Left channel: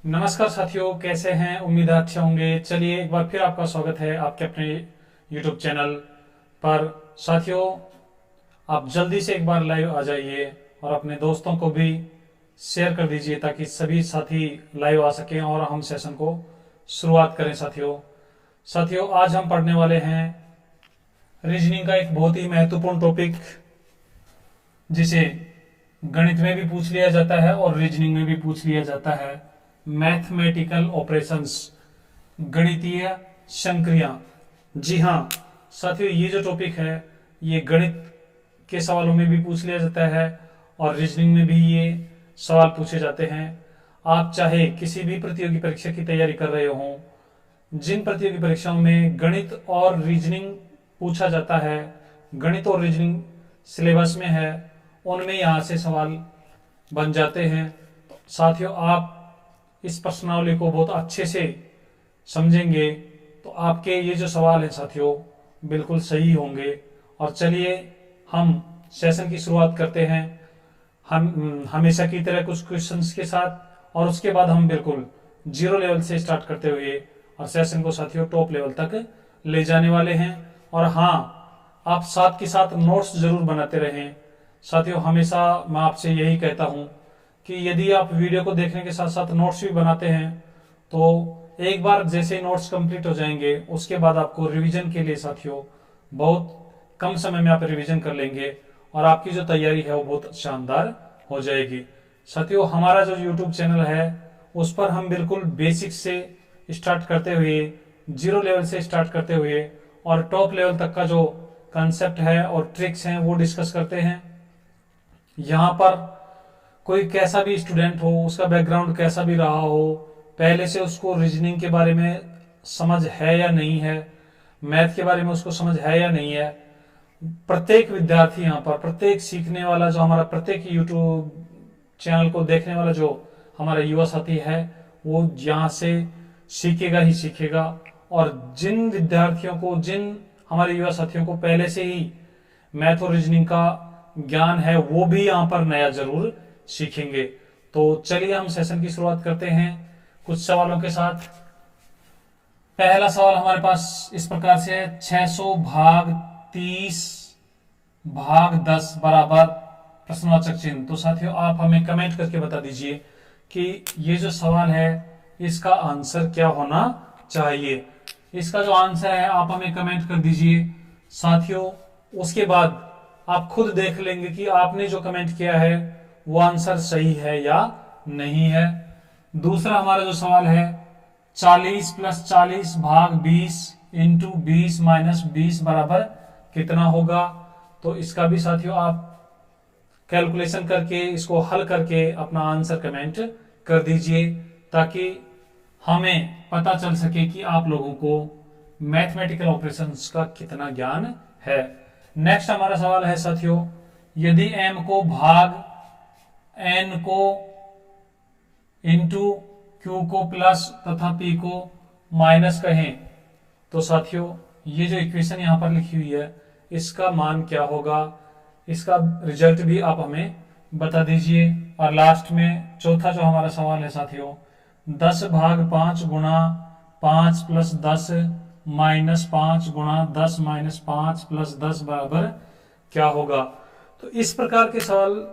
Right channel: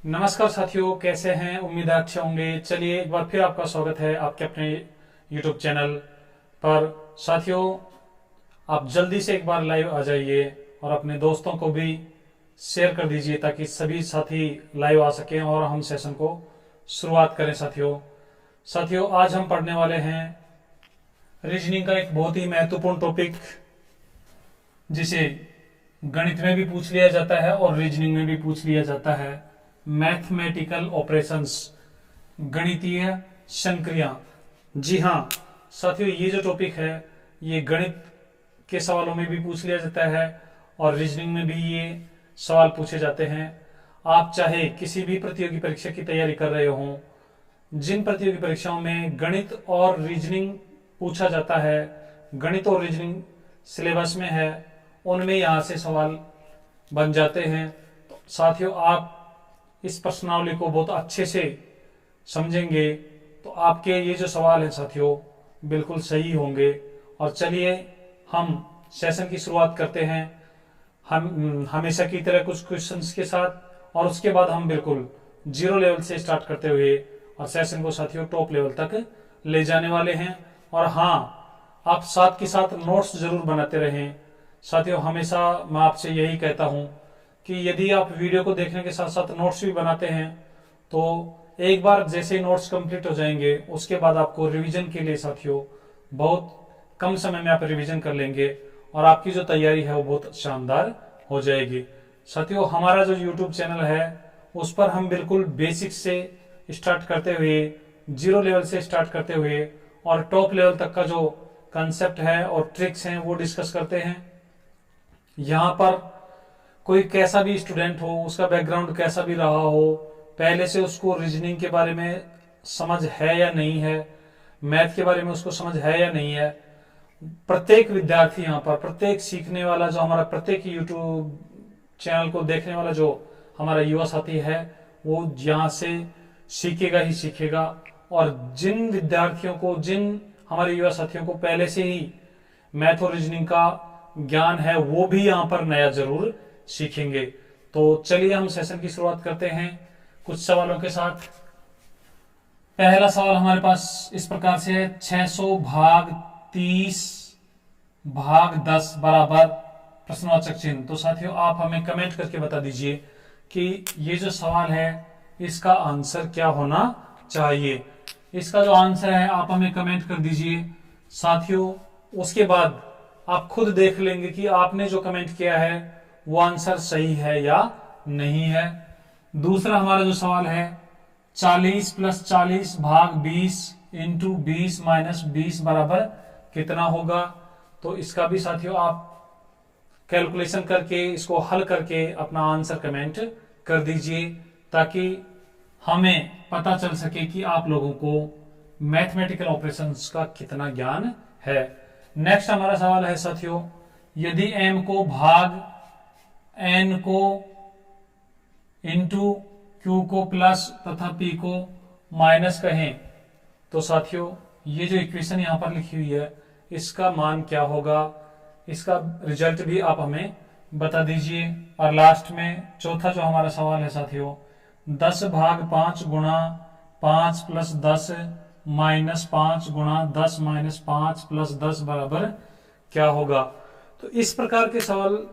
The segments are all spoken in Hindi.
नमस्कार साथियों, कैसे हैं? उम्मीद है अच्छे होंगे। चलिए, एक बार फिर आपका स्वागत है आपके अपने YouTube चैनल पर। साथियों, आप जल्दी से एक बार लाइव आ जाइए और अपने दोस्तों को भी शेयर कर दीजिए ताकि सभी साथी लाइव आ सकें और हम सेशन को शुरुआत करें। साथियों, आज हम पढ़ने वाले हैं रीजनिंग का एक बहुत ही महत्वपूर्ण टॉपिक, जिसे गणित में भी पूछ लिया जाता है और रीजनिंग में भी पूछ लिया जाता है। मैथमेटिकल ऑपरेशंस, गणितीय संक्रिया। जी हाँ साथियों, ये जो टॉपिक है ये गणित के सवालों में भी पूछ लिया जाता है और रीजनिंग में भी ये सवाल पूछे जाते हैं। आप चाहे किसी भी प्रतियोगी परीक्षा की तैयारी कर रहे हो, जिन प्रतियोगी परीक्षाओं में गणित और रीजनिंग पूछा जाता है, गणित और रीजनिंग सिलेबस में है, उनमें यहाँ से सवाल बन जाते हैं। तो साथियों, आप इस प्रश्नावली को बहुत अच्छे से समझेंगे तो आपके ये जो सवाल हैं साथियों बिल्कुल सही होंगे। और चलिए हम सेशन की शुरुआत करते हैं, हम हमेशा की तरह कुछ क्वेश्चंस के साथ, और उसके बाद हम बिल्कुल जीरो लेवल से स्टार्ट करते हुए और सेशन को साथियों टॉप लेवल तक ले जाने वाले हैं। और हाँ, आप साथ के साथ नोट्स जरूर बनाते रहें। साथियों, हमेशा मैं आपसे यही कहता हूँ कि यदि आप वीडियो को देखने के साथ साथ नोट्स भी बनाते हैं तो एक बार जैसे ही नोट्स कंप्लीट हो जाएंगे उसके बाद आपको रिवीजन के लिए साथियों बहुत कम समय में आप रिवीजन कर लेंगे और आपकी जो तैयारी है वो बहुत शानदार हो जाएगी। साथियों, हमारा जो यूट्यूब चैनल है उस पर हम बिल्कुल बेसिक से स्टार्ट करते हुए, जीरो लेवल से स्टार्ट करते हुए और टॉप लेवल तक का जो कंसेप्ट है और ट्रिक्स हैं वो डिस्कस करते हैं। यहाँ पर कोई कैसा भी स्टूडेंट हो, उसका बैकग्राउंड कैसा भी रहा हो, पहले से उसको रीजनिंग के बारे में समझ है या नहीं है, मैथ के बारे में उसको समझ है या नहीं है, प्रत्येक विद्यार्थी यहाँ पर, प्रत्येक सीखने वाला जो हमारा, प्रत्येक यूट्यूब चैनल को देखने वाला जो हमारा युवा साथी है वो यहाँ से सीखेगा ही सीखेगा। और जिन विद्यार्थियों को, जिन हमारे युवा साथियों को पहले से ही मैथ और रीजनिंग का ज्ञान है वो भी यहाँ पर नया जरूर सीखेंगे। तो चलिए हम सेशन की शुरुआत करते हैं कुछ सवालों के साथ। पहला सवाल हमारे पास इस प्रकार से है, 600 भाग 30 भाग 10 बराबर प्रश्नवाचक चिन्ह। तो साथियों, आप हमें कमेंट करके बता दीजिए कि ये जो सवाल है इसका आंसर क्या होना चाहिए। इसका जो आंसर है आप हमें कमेंट कर दीजिए साथियों। उसके बाद आप खुद देख लेंगे कि आपने जो कमेंट किया है वो आंसर सही है या नहीं है। दूसरा हमारा जो सवाल है, 40 + 40 भाग 20 इंटू 20 - 20 बराबर कितना होगा। तो इसका भी साथियों आप कैलकुलेशन करके, इसको हल करके अपना आंसर कमेंट कर दीजिए ताकि हमें पता चल सके कि आप लोगों को मैथमेटिकल ऑपरेशंस का कितना ज्ञान है। नेक्स्ट हमारा सवाल है साथियों, यदि m को भाग n को इंटू q को प्लस तथा p को माइनस कहें तो साथियों ये जो इक्वेशन यहां पर लिखी हुई है इसका मान क्या होगा, इसका रिजल्ट भी आप हमें बता दीजिए। और लास्ट में चौथा जो हमारा सवाल है साथियों, 10 भाग 5 गुणा 5 + 10 -5 गुणा 10 - 5 + 10 बराबर क्या होगा। तो इस प्रकार के सवाल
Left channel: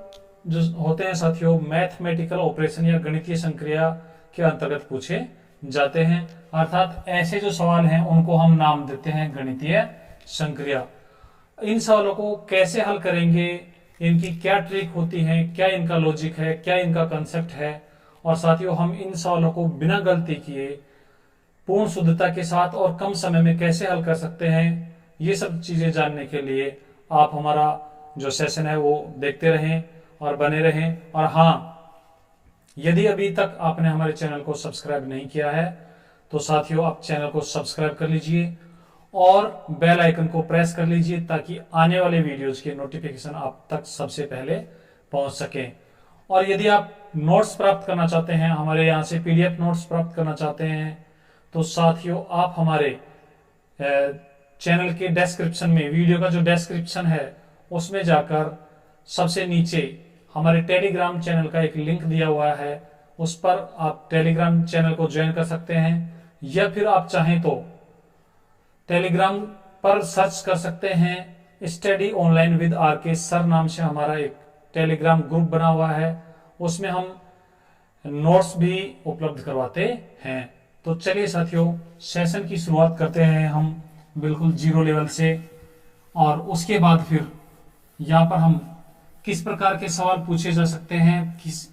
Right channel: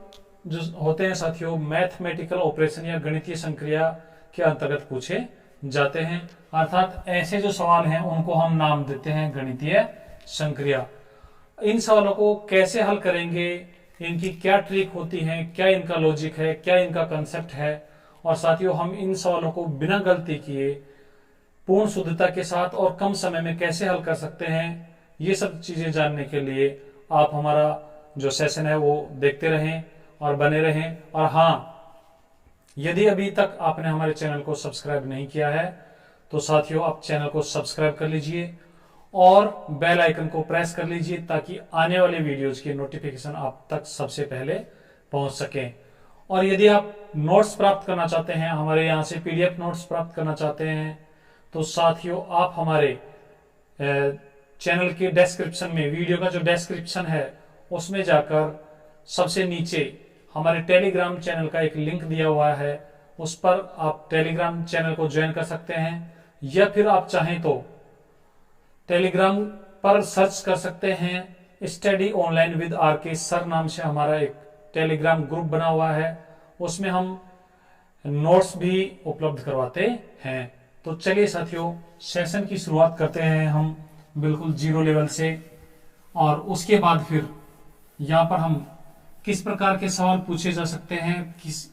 जो होते हैं साथियों मैथमेटिकल ऑपरेशन या गणितीय संक्रिया के अंतर्गत पूछे जाते हैं। अर्थात ऐसे जो सवाल हैं उनको हम नाम देते हैं गणितीय संक्रिया। इन सवालों को कैसे हल करेंगे, इनकी क्या ट्रिक होती है, क्या इनका लॉजिक है, क्या इनका कंसेप्ट है, और साथियों हम इन सवालों को बिना गलती किए पूर्ण शुद्धता के साथ और कम समय में कैसे हल कर सकते हैं, ये सब चीजें जानने के लिए आप हमारा जो सेशन है वो देखते रहें और बने रहें। और हाँ, यदि अभी तक आपने हमारे चैनल को सब्सक्राइब नहीं किया है तो साथियों आप चैनल को सब्सक्राइब कर लीजिए और बेल आइकन को प्रेस कर लीजिए ताकि आने वाले वीडियोज की नोटिफिकेशन आप तक सबसे पहले पहुंच सके। और यदि आप नोट्स प्राप्त करना चाहते हैं, हमारे यहाँ से PDF नोट्स प्राप्त करना चाहते हैं, तो साथियों आप हमारे चैनल के डिस्क्रिप्शन में, वीडियो का जो डिस्क्रिप्शन है उसमें जाकर सबसे नीचे हमारे टेलीग्राम चैनल का एक लिंक दिया हुआ है, उस पर आप टेलीग्राम चैनल को ज्वाइन कर सकते हैं, या फिर आप चाहें तो टेलीग्राम पर सर्च कर सकते हैं स्टडी ऑनलाइन विद आर के सर नाम से हमारा एक टेलीग्राम ग्रुप बना हुआ है, उसमें हम नोट्स भी उपलब्ध करवाते हैं। तो चलिए साथियों, सेशन की शुरुआत करते हैं हम बिल्कुल जीरो लेवल से, और उसके बाद फिर यहाँ पर हम किस प्रकार के सवाल पूछे जा सकते हैं, किस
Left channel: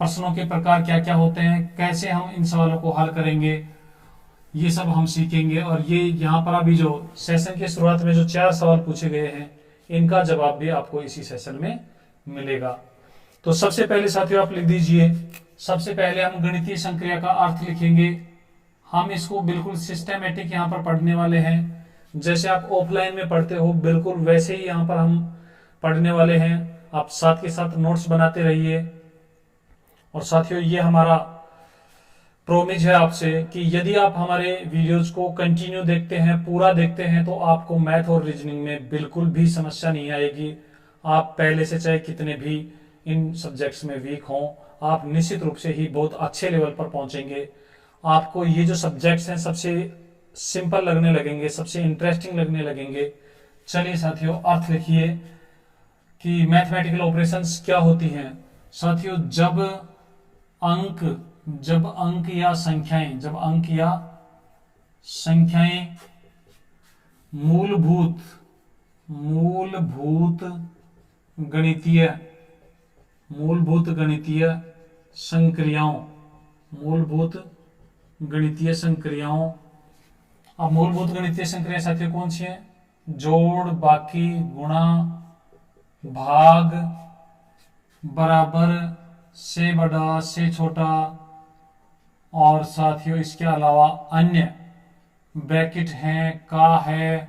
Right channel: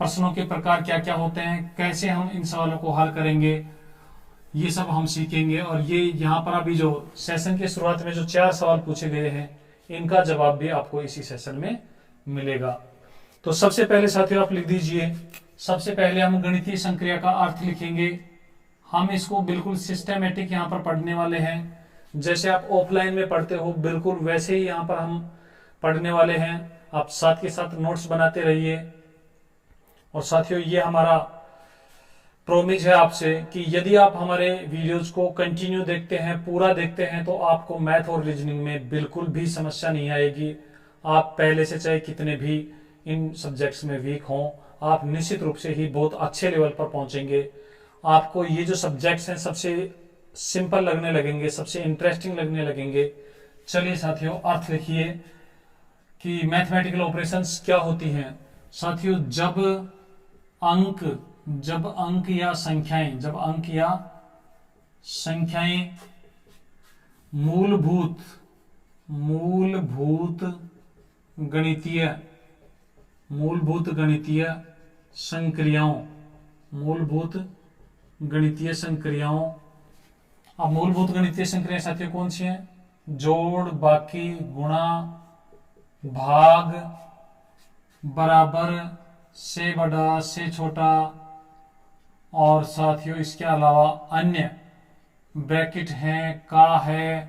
प्रश्नों के प्रकार क्या क्या होते हैं, कैसे हम इन सवालों को हल करेंगे, ये सब हम सीखेंगे। और ये यहाँ पर अभी जो सेशन के शुरुआत में जो 4 सवाल पूछे गए हैं, इनका जवाब भी आपको इसी सेशन में मिलेगा। तो सबसे पहले साथियों आप लिख दीजिए, सबसे पहले हम गणितीय संक्रिया का अर्थ लिखेंगे। हम इसको बिल्कुल सिस्टमेटिक यहाँ पर पढ़ने वाले हैं, जैसे आप ऑफलाइन में पढ़ते हो बिल्कुल वैसे ही यहाँ पर हम पढ़ने वाले हैं। आप साथ के साथ नोट्स बनाते रहिए। और साथियों, ये हमारा प्रोमिस है आपसे कि यदि आप हमारे वीडियोज को कंटिन्यू देखते हैं, पूरा देखते हैं, तो आपको मैथ और रीजनिंग में बिल्कुल भी समस्या नहीं आएगी। आप पहले से चाहे कितने भी इन सब्जेक्ट्स में वीक हों, आप निश्चित रूप से ही बहुत अच्छे लेवल पर पहुंचेंगे। आपको ये जो सब्जेक्ट्स हैं सबसे सिंपल लगने लगेंगे, सबसे इंटरेस्टिंग लगने लगेंगे। चलिए साथियों, अर्थ लिखिए कि मैथमेटिकल ऑपरेशंस क्या होती हैं। साथियों, जब अंक या संख्याएं मूलभूत गणितीय संक्रियाओं, अब मूलभूत गणितीय संक्रियाएं साथियों कौन सी हैं? जोड़, बाकी, गुणा, भाग, बराबर, से बड़ा, से छोटा, और साथियों इसके अलावा अन्य ब्रैकेट हैं, का है,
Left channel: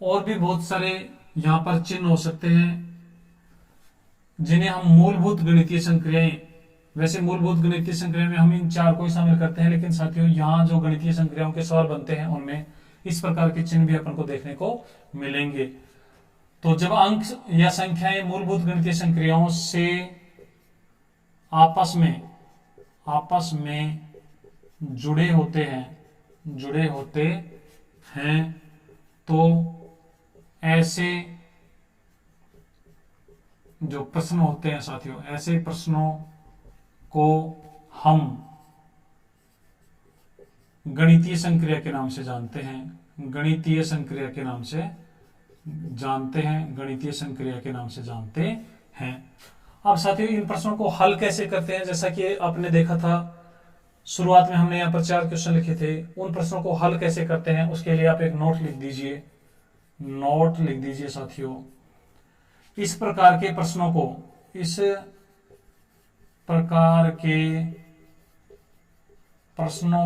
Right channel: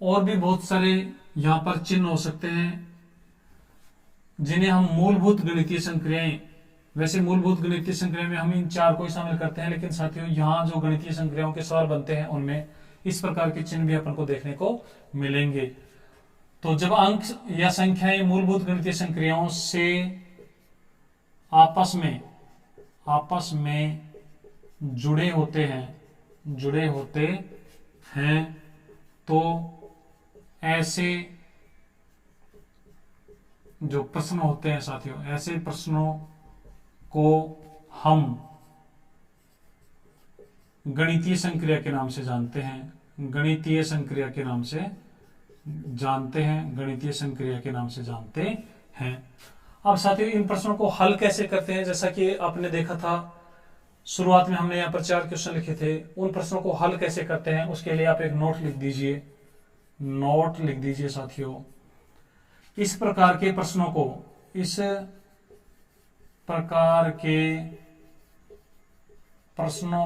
और भी बहुत सारे यहाँ पर चिन्ह हो सकते हैं जिन्हें हम मूलभूत गणितीय संक्रियाएं, वैसे मूलभूत गणितीय संक्रिया में हम इन 4 को ही शामिल करते हैं, लेकिन साथियों यहाँ जो गणितीय संक्रियाओं के सवाल बनते हैं उनमें इस प्रकार के चिन्ह भी अपन को देखने को मिलेंगे। तो जब अंक या संख्याएं मूलभूत गणितीय संक्रियाओं से आपस में जुड़े होते हैं तो ऐसे जो प्रश्न होते हैं साथियों, ऐसे प्रश्नों को हम गणितीय संक्रिया के नाम से जानते हैं। गणितीय संक्रिया के नाम से जानते हैं। अब साथियों, इन प्रश्नों को हल कैसे करते हैं, जैसा कि आपने देखा था शुरुआत में हमने यहाँ पर 4 क्वेश्चन लिखे थे। उन प्रश्नों को हल कैसे करते हैं उसके लिए आप एक नोट लिख दीजिए साथियों। इस प्रकार के प्रश्नों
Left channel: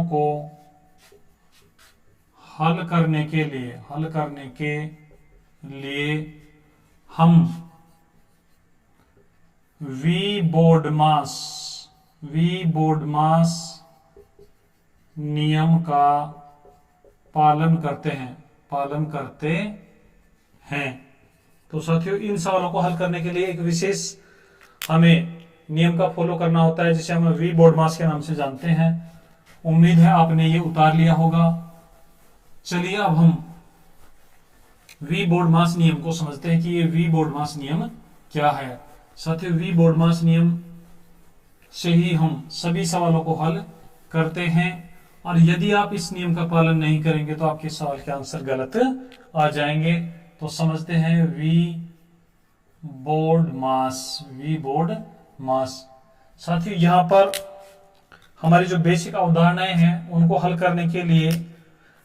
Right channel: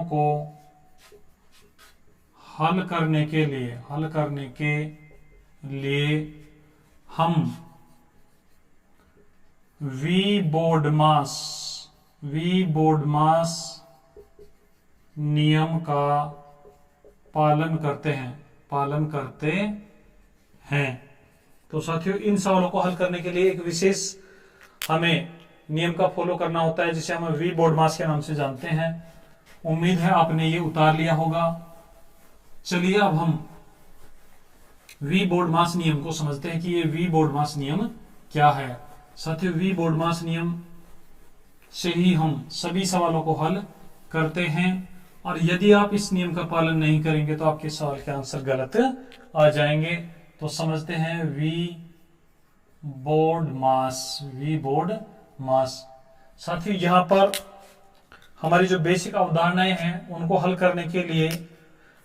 को हल करने के लिए हम वी बोर्डमास नियम का पालन करते हैं। तो साथियों, इन सवालों को हल करने के लिए एक विशेष हमें नियम का फॉलो करना होता है, जिसे हम वी बोर्डमास के नाम से जानते हैं। उम्मीद है आपने ये उतार लिया होगा। चलिए अब हम वी बोर्डमास नियम को समझते हैं कि ये वी बोर्डमास नियम क्या है। साथियों, वी बोर्डमास नियम से ही हम सभी सवालों को हल करते हैं, और यदि आप इस नियम का पालन नहीं करेंगे तो आपके सवाल के आंसर गलत आ जाएंगे। तो समझते हैं वी बोर्डमास। साथियों, यहाँ पर हमारी जो बेसिक अवधारणाएं हैं उनको हल करने के लिए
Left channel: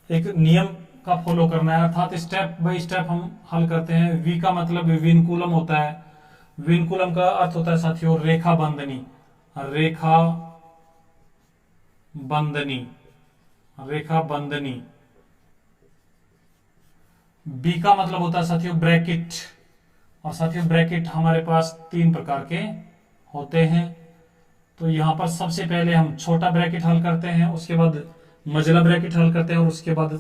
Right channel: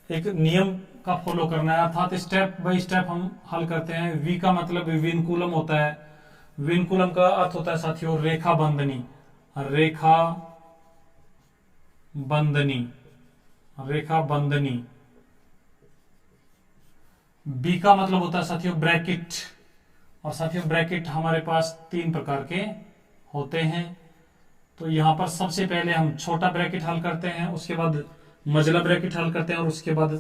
एक नियम का फॉलो करना है, अर्थात स्टेप बाय स्टेप हम हल करते हैं। वी का मतलब विनकुलम होता है। विनकुलम का अर्थ होता है साथियों रेखा बंधनी। बी का मतलब होता है साथियों ब्रैकेट, और साथियों ब्रैकेट हमारे पास 3 प्रकार के होते हैं। तो यहां पर सबसे पहले हम छोटा ब्रैकेट हल करते हैं, उसके बाद मझला ब्रैकेट हल करते हैं, और उसके बाद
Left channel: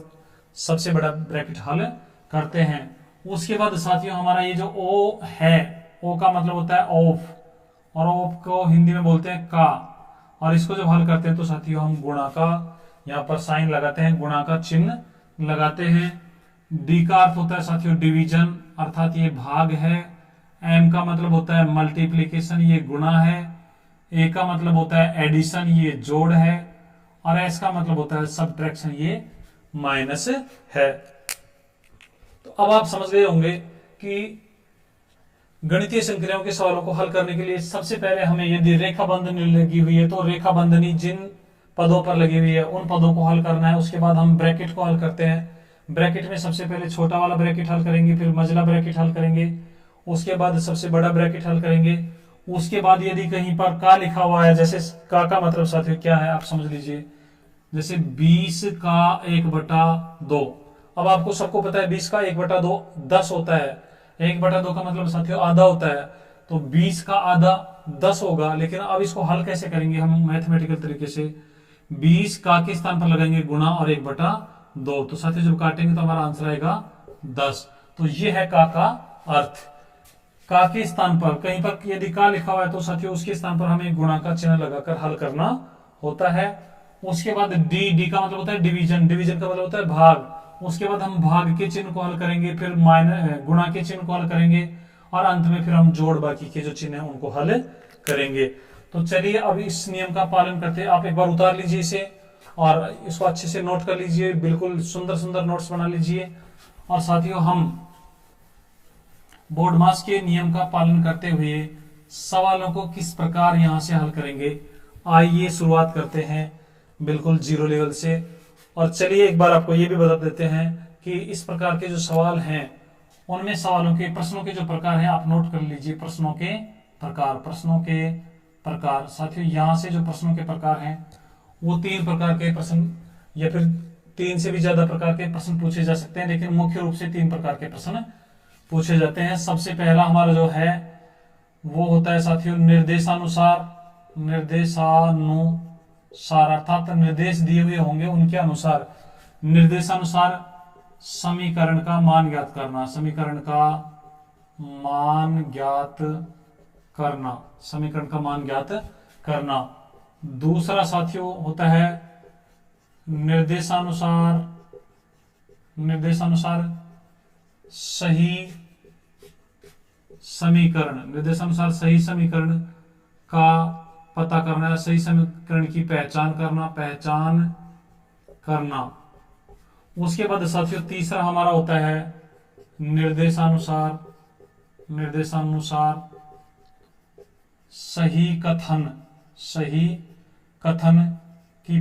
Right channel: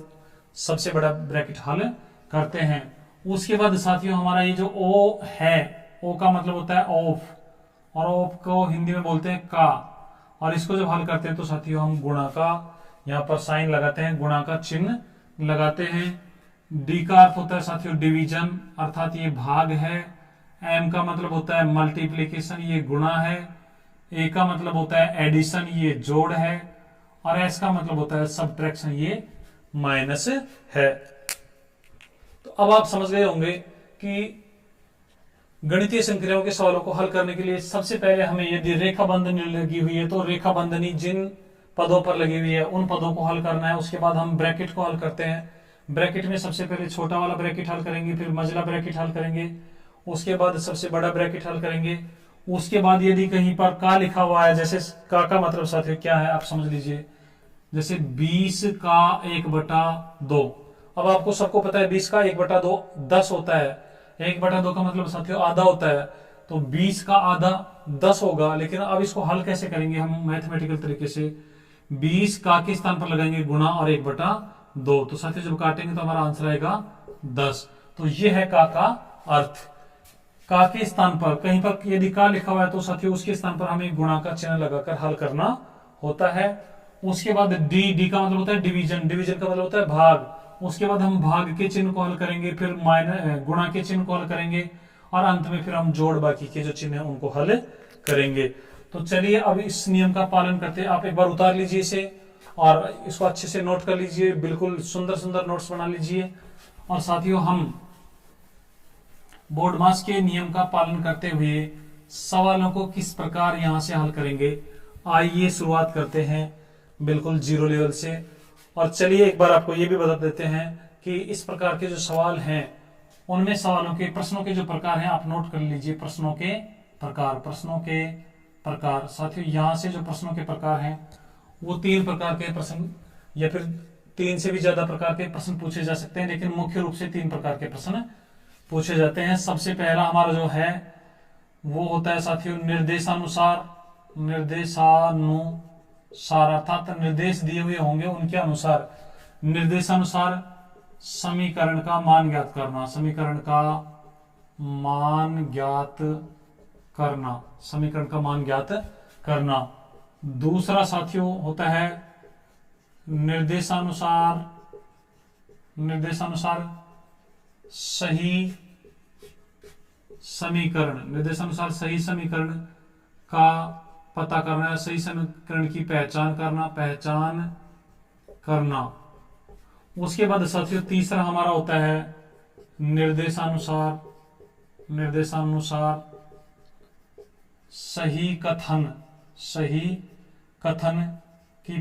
सबसे बड़ा ब्रैकेट हल करते हैं। उसके बाद साथियों हमारा ये जो ओ है, ओ का मतलब होता है ऑफ, और ऑफ को हिंदी में बोलते हैं का। और इसको जब हल करते हैं तो साथियों हम गुणा का यहाँ पर साइन लगाते हैं, गुणा का चिन्ह लगाते हैं। डी का अर्थ होता है साथियों डिवीजन, अर्थात ये भाग है। एम का मतलब होता है मल्टीप्लीकेशन, ये गुणा है। ए का मतलब होता है एडिशन, ये जोड़ है। और एस का मतलब होता है सबट्रैक्शन, ये माइनस है। तो अब आप समझ गए होंगे कि गणितीय संक्रियाओं के सवालों को हल करने के लिए सबसे पहले हमें, यदि रेखा बंधनी लगी हुई है तो रेखा बंधनी जिन पदों पर लगी हुई है उन पदों को हल करना है। उसके बाद हम ब्रैकेट को हल करते हैं। ब्रैकेट में सबसे पहले छोटा वाला ब्रैकेट हल करेंगे, फिर मझला ब्रैकेट हल करेंगे, उसके बाद सबसे बड़ा ब्रैकेट हल करेंगे। उसके बाद यदि कहीं पर का लिखा हुआ है, जैसे का मतलब साथियों क्या है आप समझ लीजिए, जैसे 20 का 1/2। अब आपको सबको पता है 20 का 1/2 10 होता है। 1/2 का मतलब साथियों आधा होता है, तो 20 का आधा 10 होगा। लेकिन अब इसको हल कैसे करेंगे हम मैथमेटिकल तरीके से, 20 का के स्थान पर लगाएंगे गुणा और 1/2। तो साथियों जब काटेंगे तो हमारा आंसर आएगा 10। तो ये है का अर्थ। का के स्थान पर कहीं पर यदि का लिखा हुआ है तो साथियों उसके स्थान पर हमें गुणा का चिन्ह लगाकर हल करना होता है। उसके बाद डी का मतलब होता है डिवीजन, डिवीजन का मतलब होता है भाग। उसके बाद हम भाग के चिन्ह को हल करेंगे, फिर गुणा के चिन्ह को हल करेंगे, और अंत में फिर हम जोड़ बाकी के जो चिन्ह है उनको हल करेंगे। तो चलिए अब इस नियम का पालन करते हैं। आप एक बार उतार लीजिए इसे और इसको अच्छे से नोट कर लीजिए, बिल्कुल सुंदर सुंदर नोट्स बना लीजिए। और साथियों हम बोर्डमास के नियम का पालन करते हुए सवालों को किस प्रकार यहां से हल करेंगे, आइए शुरुआत करते हैं बिल्कुल जीरो लेवल से। और चलिए एक बार आपको ये भी बता देते हैं कि इस प्रकार के जो सवाल हैं उनमें सवालों के प्रश्नों के जो प्रकार हैं आप नोट कर लीजिए। प्रश्नों के प्रकार साथियों यहां से जो प्रश्नों के प्रकार हैं वो 3 प्रकार के प्रश्न या फिर 3 से भी ज्यादा प्रकार के प्रश्न पूछे जा सकते हैं, लेकिन मुख्य रूप से 3 प्रकार के प्रश्न पूछे जाते हैं। सबसे पहला हमारा जो है वो होता है साथियों निर्देशानुसार अर्थात निर्देश दिए हुए होंगे उनके अनुसार निर्देशानुसार समीकरण का मान ज्ञात करना, समीकरण का मान ज्ञात करना। दूसरा साथियों होता है निर्देशानुसार सही समीकरण का पता करना, सही समीकरण की पहचान करना। उसके बाद साथियों तीसरा हमारा होता है निर्देशानुसार सही कथन की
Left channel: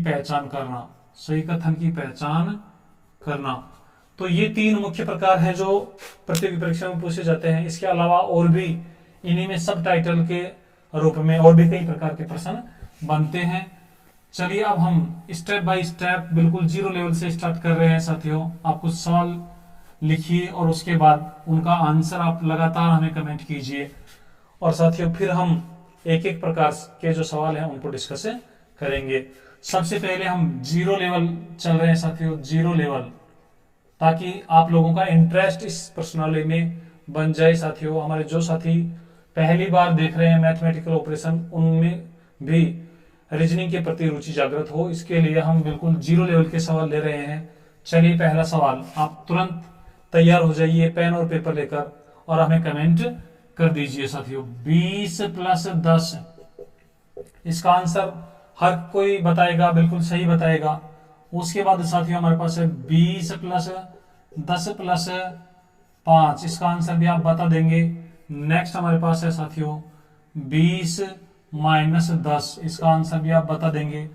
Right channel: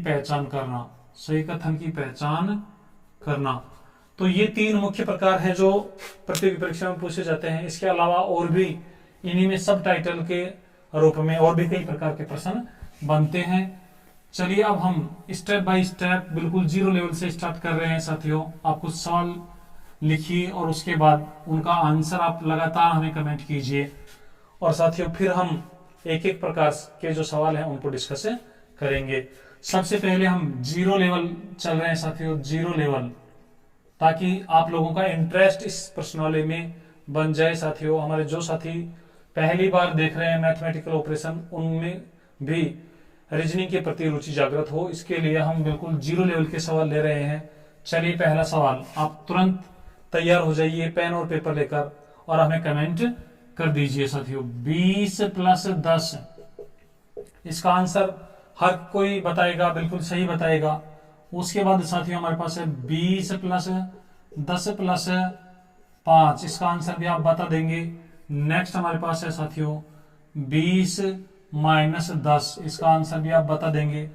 पहचान करना। तो ये 3 मुख्य प्रकार हैं जो प्रतियोगी परीक्षा में पूछे जाते हैं। इसके अलावा और भी इन्हीं में सब टाइटल के रूप में और भी कई प्रकार के प्रश्न बनते हैं। चलिए अब हम स्टेप बाय स्टेप बिल्कुल जीरो लेवल से स्टार्ट कर रहे हैं। साथियों आप कुछ सवाल लिखिए और उसके बाद उनका आंसर आप लगातार हमें कमेंट कीजिए। और साथियों फिर हम एक एक प्रकार के जो सवाल हैं उनको डिस्कस करेंगे। सबसे पहले हम जीरो लेवल चल रहे हैं साथियों, जीरो लेवल, ताकि आप लोगों का इंटरेस्ट इस प्रश्नावली में बन जाए। साथियों हमारे जो साथी पहली बार देख रहे हैं मैथमेटिकल ऑपरेशन, उनमें भी रीजनिंग के प्रति रुचि जागृत हो, इसके लिए हम बिल्कुल जीरो लेवल के सवाल ले रहे हैं। चलिए पहला सवाल, आप तुरंत तैयार हो जाइए पेन और पेपर लेकर और हमें कमेंट कर दीजिए। साथियों 20 + 10, इसका आंसर हर कोई बताएगा, बिल्कुल सही बताएगा। उसके बाद साथियों हमारे पास है 20 + 10 + 5, इसका आंसर भी आप बता देंगे। नेक्स्ट हमारे पास है साथियों 20 - 10, इसका आंसर भी आप बता देंगे।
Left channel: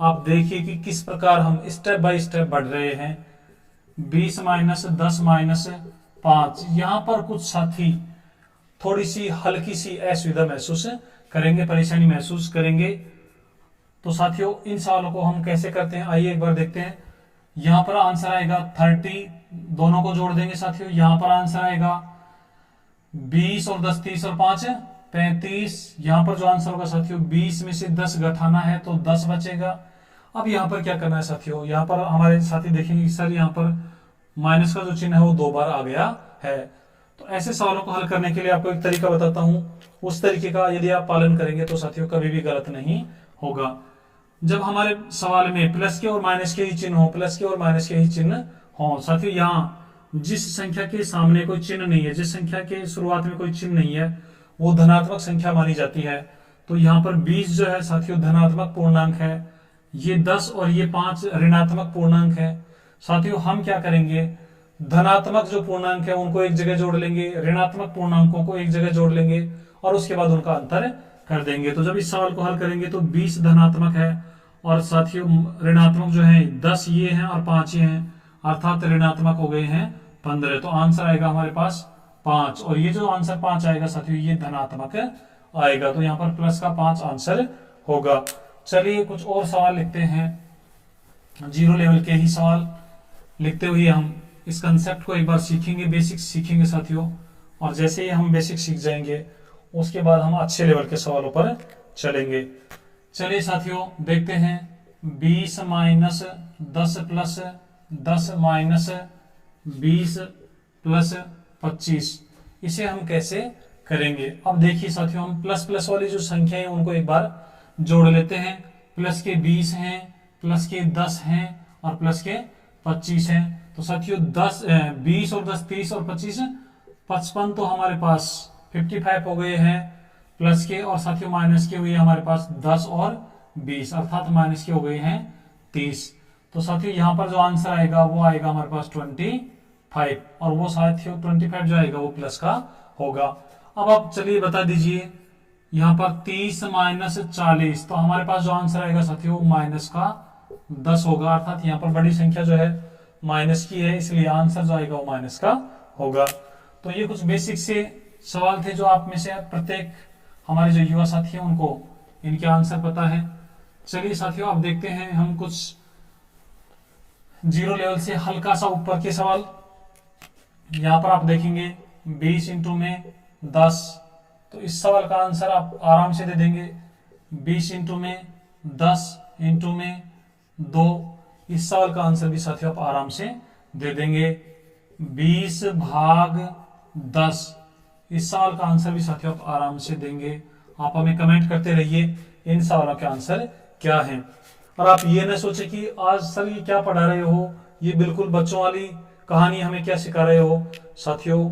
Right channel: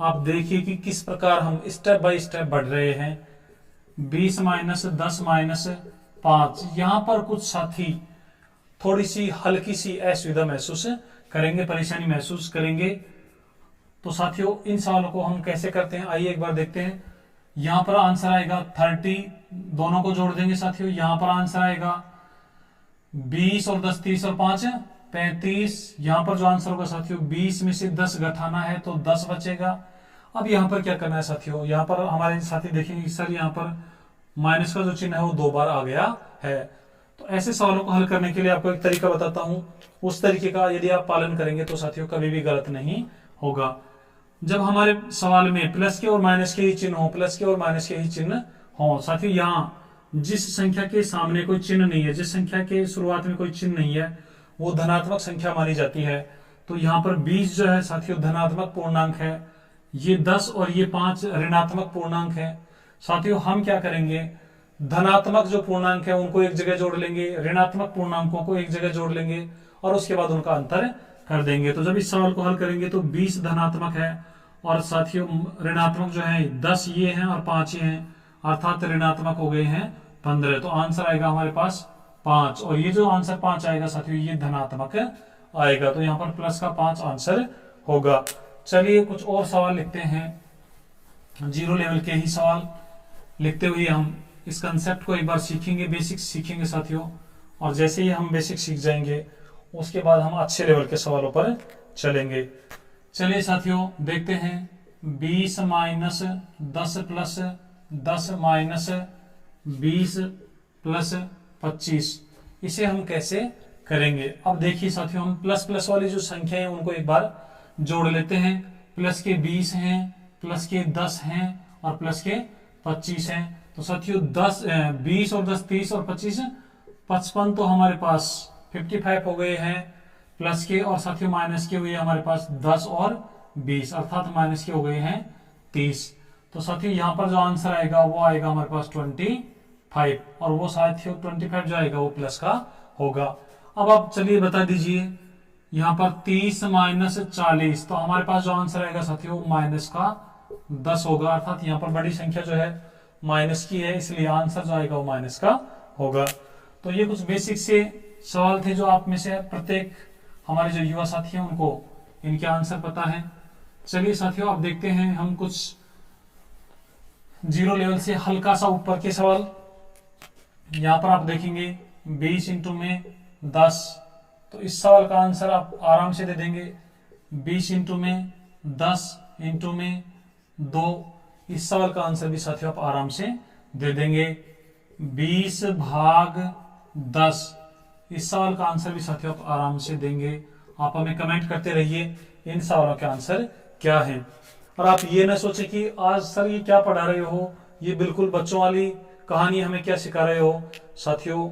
आप देखिए कि किस प्रकार हम स्टेप बाय स्टेप बढ़ रहे हैं। 20 - 10 - 5, यहां पर कुछ साथी थोड़ी सी हल्की सी असुविधा महसूस करेंगे, परेशानी महसूस करेंगे। तो साथियों इन सवालों को हम कैसे करते हैं आइए एक बार देखते हैं। यहां पर आंसर आएगा 30, दोनों को जोड़ देंगे साथियों। यहां पर आंसर आएगा 20 और 10 30 और 5 35। यहां पर जो आंसर होगा साथियों 20 में से 10 घटाना है तो 10 बचेगा। अब यहां पर क्या करना है साथियों, यहां पर हमारे साथी देखेंगे सर यहां पर माइनस का जो चिन्ह है वो 2 बार आ गया है। तो ऐसे सवालों को हल करने के लिए आपको एक तरीका बताता हूं, उस तरीके का यदि आप पालन करेंगे तो साथियों कभी भी गलत नहीं होगा। जब हमारे सवाल में प्लस के और माइनस के ही चिन्ह हो, प्लस के और माइनस के ही चिन्ह हो साथियों, यहाँ जिस संख्या के सामने कोई चिन्ह नहीं है, जिस संख्या के शुरुआत में कोई चिन्ह नहीं है, वो धनात्मक संख्या मानी जाती है। तो यहाँ पर 20 जो है साथियों धनात्मक पूर्णांक है, ये 10 और ये 5 ऋणात्मक पूर्णांक है। साथियों हम क्या करेंगे, धनात्मक जो पूर्णांक है उनको एक जगह जोड़ लेंगे, ऋणात्मक पूर्णांकों को एक जगह जोड़ लेंगे और उसके बाद उनका अंतर कर देंगे। तो जब इस सवाल को हल करेंगे तो 20 धनात्मक है और साथियों ऋणात्मक जो है 10 ये हैं और 5 ये हैं, अर्थात ऋणात्मक हो गए हैं 15। तो आंसर आएगा हमारे पास 5, और ये जो आंसर 5 आएगा साथियों ये धनात्मक आएगा। तो यहाँ पर प्लस का 5 आंसर होगा। चलिए कुछ और सवाल लिखते हैं, 0 लेवल के ही सवाल लिखते हुए हम इस कंसेप्ट को एक बार सीखेंगे, बेसिक्स सीखेंगे साथियों। और जैसे ही हम बेसिक सीख जाएंगे उसके बाद हम अच्छे लेवल के सवालों पर चलेंगे। चलिए साथियों देखते हैं, 20 माइनस 10 प्लस 10 माइनस 20 प्लस 25, इसे हम कैसे करेंगे। अब देखिए साथियों, हम प्लस प्लस वाली जो संख्या है उनको एक बार जोड़ लेते हैं। प्लस के 20 हैं, प्लस के 10 हैं और प्लस के 25 हैं। तो साथियों 20 और 10 30 और 25 55, तो हमारे पास 55 हो गए हैं प्लस के, और साथियों माइनस के हुए हमारे पास 10 और 20, अर्थात माइनस के हो गए हैं 30। तो साथियों यहाँ पर जो आंसर आएगा वो आएगा हमारे पास 25, और वो साथियों 25 जो आएगा वो प्लस का होगा। अब आप चलिए बता दीजिए, यहाँ पर 30 माइनस 40, तो हमारे पास जो आंसर आएगा साथियों माइनस का 10 होगा, अर्थात यहाँ पर बड़ी संख्या जो है माइनस की है, इसलिए आंसर जो आएगा वो माइनस का होगा। तो ये कुछ बेसिक से सवाल थे जो आप में से प्रत्येक हमारे जो युवा साथी हैं उनको इनके आंसर पता है। चलिए साथियों अब देखते हैं हम कुछ 0 लेवल से हल्का सा ऊपर के सवाल। यहाँ पर आप देखेंगे 20 इंटू में 10, तो इस सवाल का आंसर आप आराम से दे देंगे। 20 इंटू में 10 इंटू में 2, इस सवाल का आंसर भी साथियों आप आराम से दे देंगे। 20 भाग 10, इस सवाल का आंसर भी साथियों आप आराम से देंगे। आप हमें कमेंट करते रहिए इन सवालों के आंसर क्या हैं। और आप ये ना सोचें कि आज सर ये क्या पढ़ा रहे हो, ये बिल्कुल बच्चों वाली कहानी हमें क्या सिखा रहे हो। साथियों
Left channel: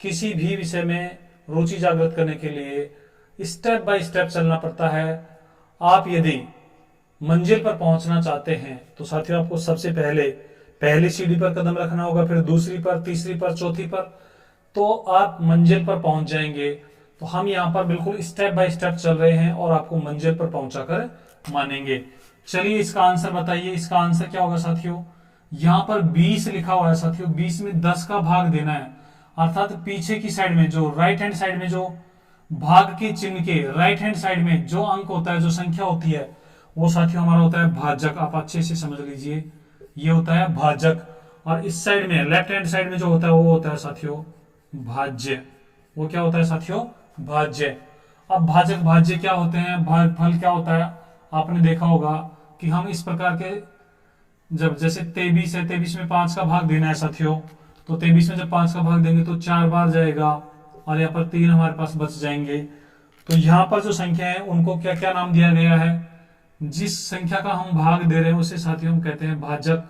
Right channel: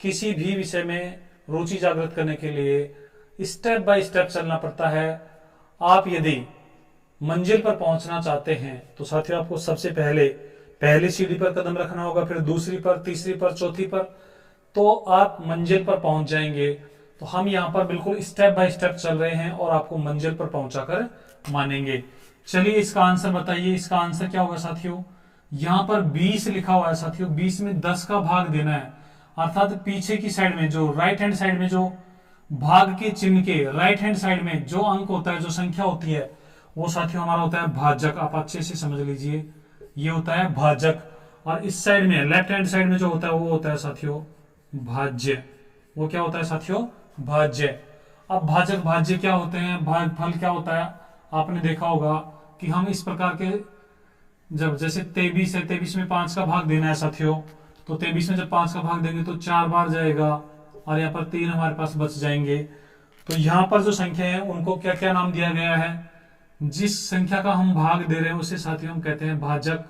किसी भी विषय में रुचि जागृत करने के लिए स्टेप बाय स्टेप चलना पड़ता है। आप यदि मंजिल पर पहुंचना चाहते हैं तो साथियों आपको सबसे पहली सीढ़ी पर कदम रखना होगा, फिर दूसरी पर, तीसरी पर, चौथी पर, तो आप मंजिल पर पहुंच जाएंगे। तो हम यहाँ पर बिल्कुल स्टेप बाय स्टेप चल रहे हैं और आपको मंजिल पर पहुंचाकर मानेंगे। चलिए इसका आंसर बताइए, इसका आंसर क्या होगा साथियों। यहाँ पर 20 लिखा हुआ है साथियों, 20 में 10 का भाग देना है, अर्थात पीछे की साइड में जो राइट हैंड साइड में जो भाग के चिन्ह के राइट हैंड साइड में जो अंक होता है, जो संख्या होती है, वो साथियों हमारा होता है भाजक। आप अच्छे से समझ लीजिए, ये होता है भाजक। और इस साइड में लेफ्ट हैंड साइड में जो होता है वो होता है साथियों भाज्य। वो क्या होता है साथियों, भाज्य। अब भाजक भाज्य क्या होते हैं, भागफल क्या होता है, आपने देखा होगा कि हम इस प्रकार के, जब जैसे 23 है, 23 में 5 का भाग देना है साथियों, तो 23 में जब 5 का भाग देंगे तो 4 बार जाएगा और यहाँ पर 3 हमारे पास बच जाएंगे। तो यहाँ पर जो संख्या है उनको क्या क्या नाम दिया गया है, जिस संख्या का हम भाग दे रहे हैं उसे साथियों हम कहते हैं भाजक।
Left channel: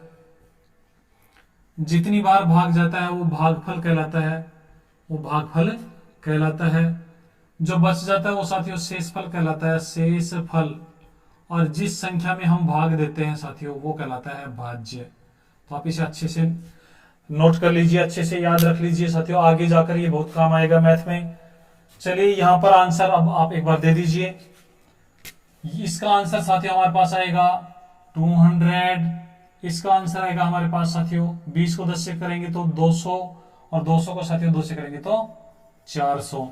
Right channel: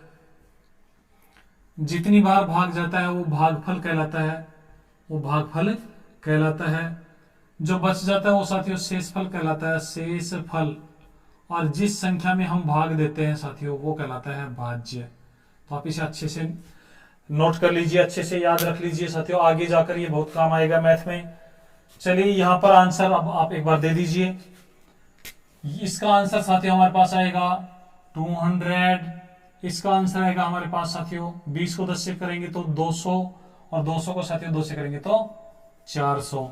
जितनी बार भाग जाता है वो भागफल कहलाता है, वो भागफल कहलाता है। जो बच जाता है वो साथियों शेषफल कहलाता है, शेषफल। और जिस संख्या में हम भाग देते हैं साथियों वो कहलाता है भाज्य। तो आप इसे अच्छे से नोट कर लीजिए, अच्छे से याद रख लीजिए साथियों, आगे जाकर ये बहुत काम आएगा मैथ में। चलिए यहाँ पर आंसर अब आप एक बार दे दीजिए। इसका आंसर साथियों हमारे पास आएगा 200। इसका आंसर आएगा हमारे पास साथियों 20 को 10 से करेंगे तो 200, और 200 को साथियों 2 से करेंगे तो 400।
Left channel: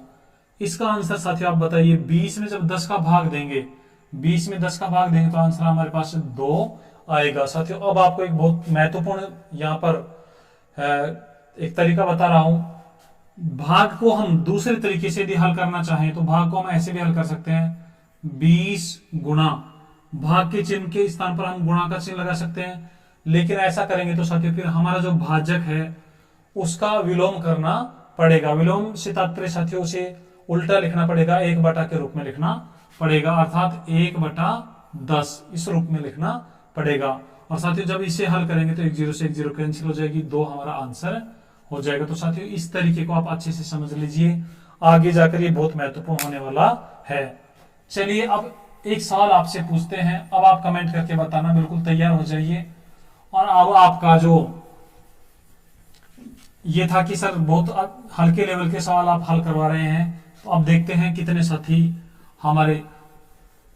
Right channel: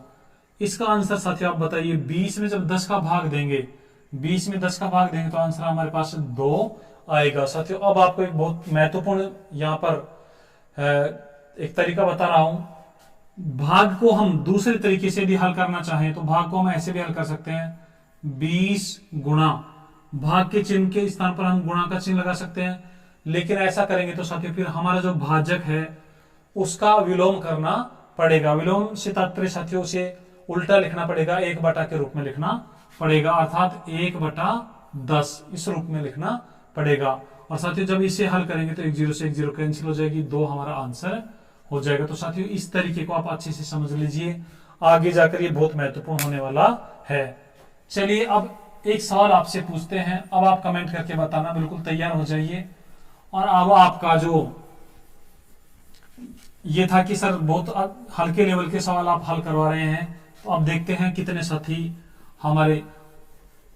इसका आंसर साथियों आप बताइए, 20 में जब 10 का भाग देंगे, 20 में 10 का भाग देंगे तो आंसर हमारे पास 2 आएगा। साथियों अब आपको एक बहुत महत्वपूर्ण यहाँ पर एक तरीका बता रहा हूं। भाग को हम दूसरे तरीके से भी हल करना चाहें तो भाग को हम ऐसे भी हल कर सकते हैं, 20 गुणा, भाग के चिन्ह के स्थान पर हम गुणा का चिन्ह लगा सकते हैं। लेकिन ऐसा करेंगे तो साथियों फिर हमारा जो भाजक है उसका विलोम करना पड़ेगा। विलोम से तात्पर्य साथियों से उल्टा लिखना पड़ेगा, 1 बटा के रूप में लिखना पड़ेगा, अर्थात 1/2 10 इस रूप में लिखना पड़ेगा। और साथियों जब इसे हल करेंगे तो 1 0 से 1 0 कैंसिल हो जाएगी, 2 हमारा आंसर हो जाएगा। तो साथियों इस तरीके को आप अच्छे से समझ लीजिए, आगे जाकर ये बहुत महत्वपूर्ण होने वाला है। चलिए अब एक सवाल आपसे पूछते हैं, अब आप कमेंट करके बताना, बिल्कुल तैयार हो जाइए। और अब आपका जो ये था कि सर बहुत हल्के लेवल के सवाल आप हल करवा रहे हैं, तो अब देखते हैं कितने साथी हमारे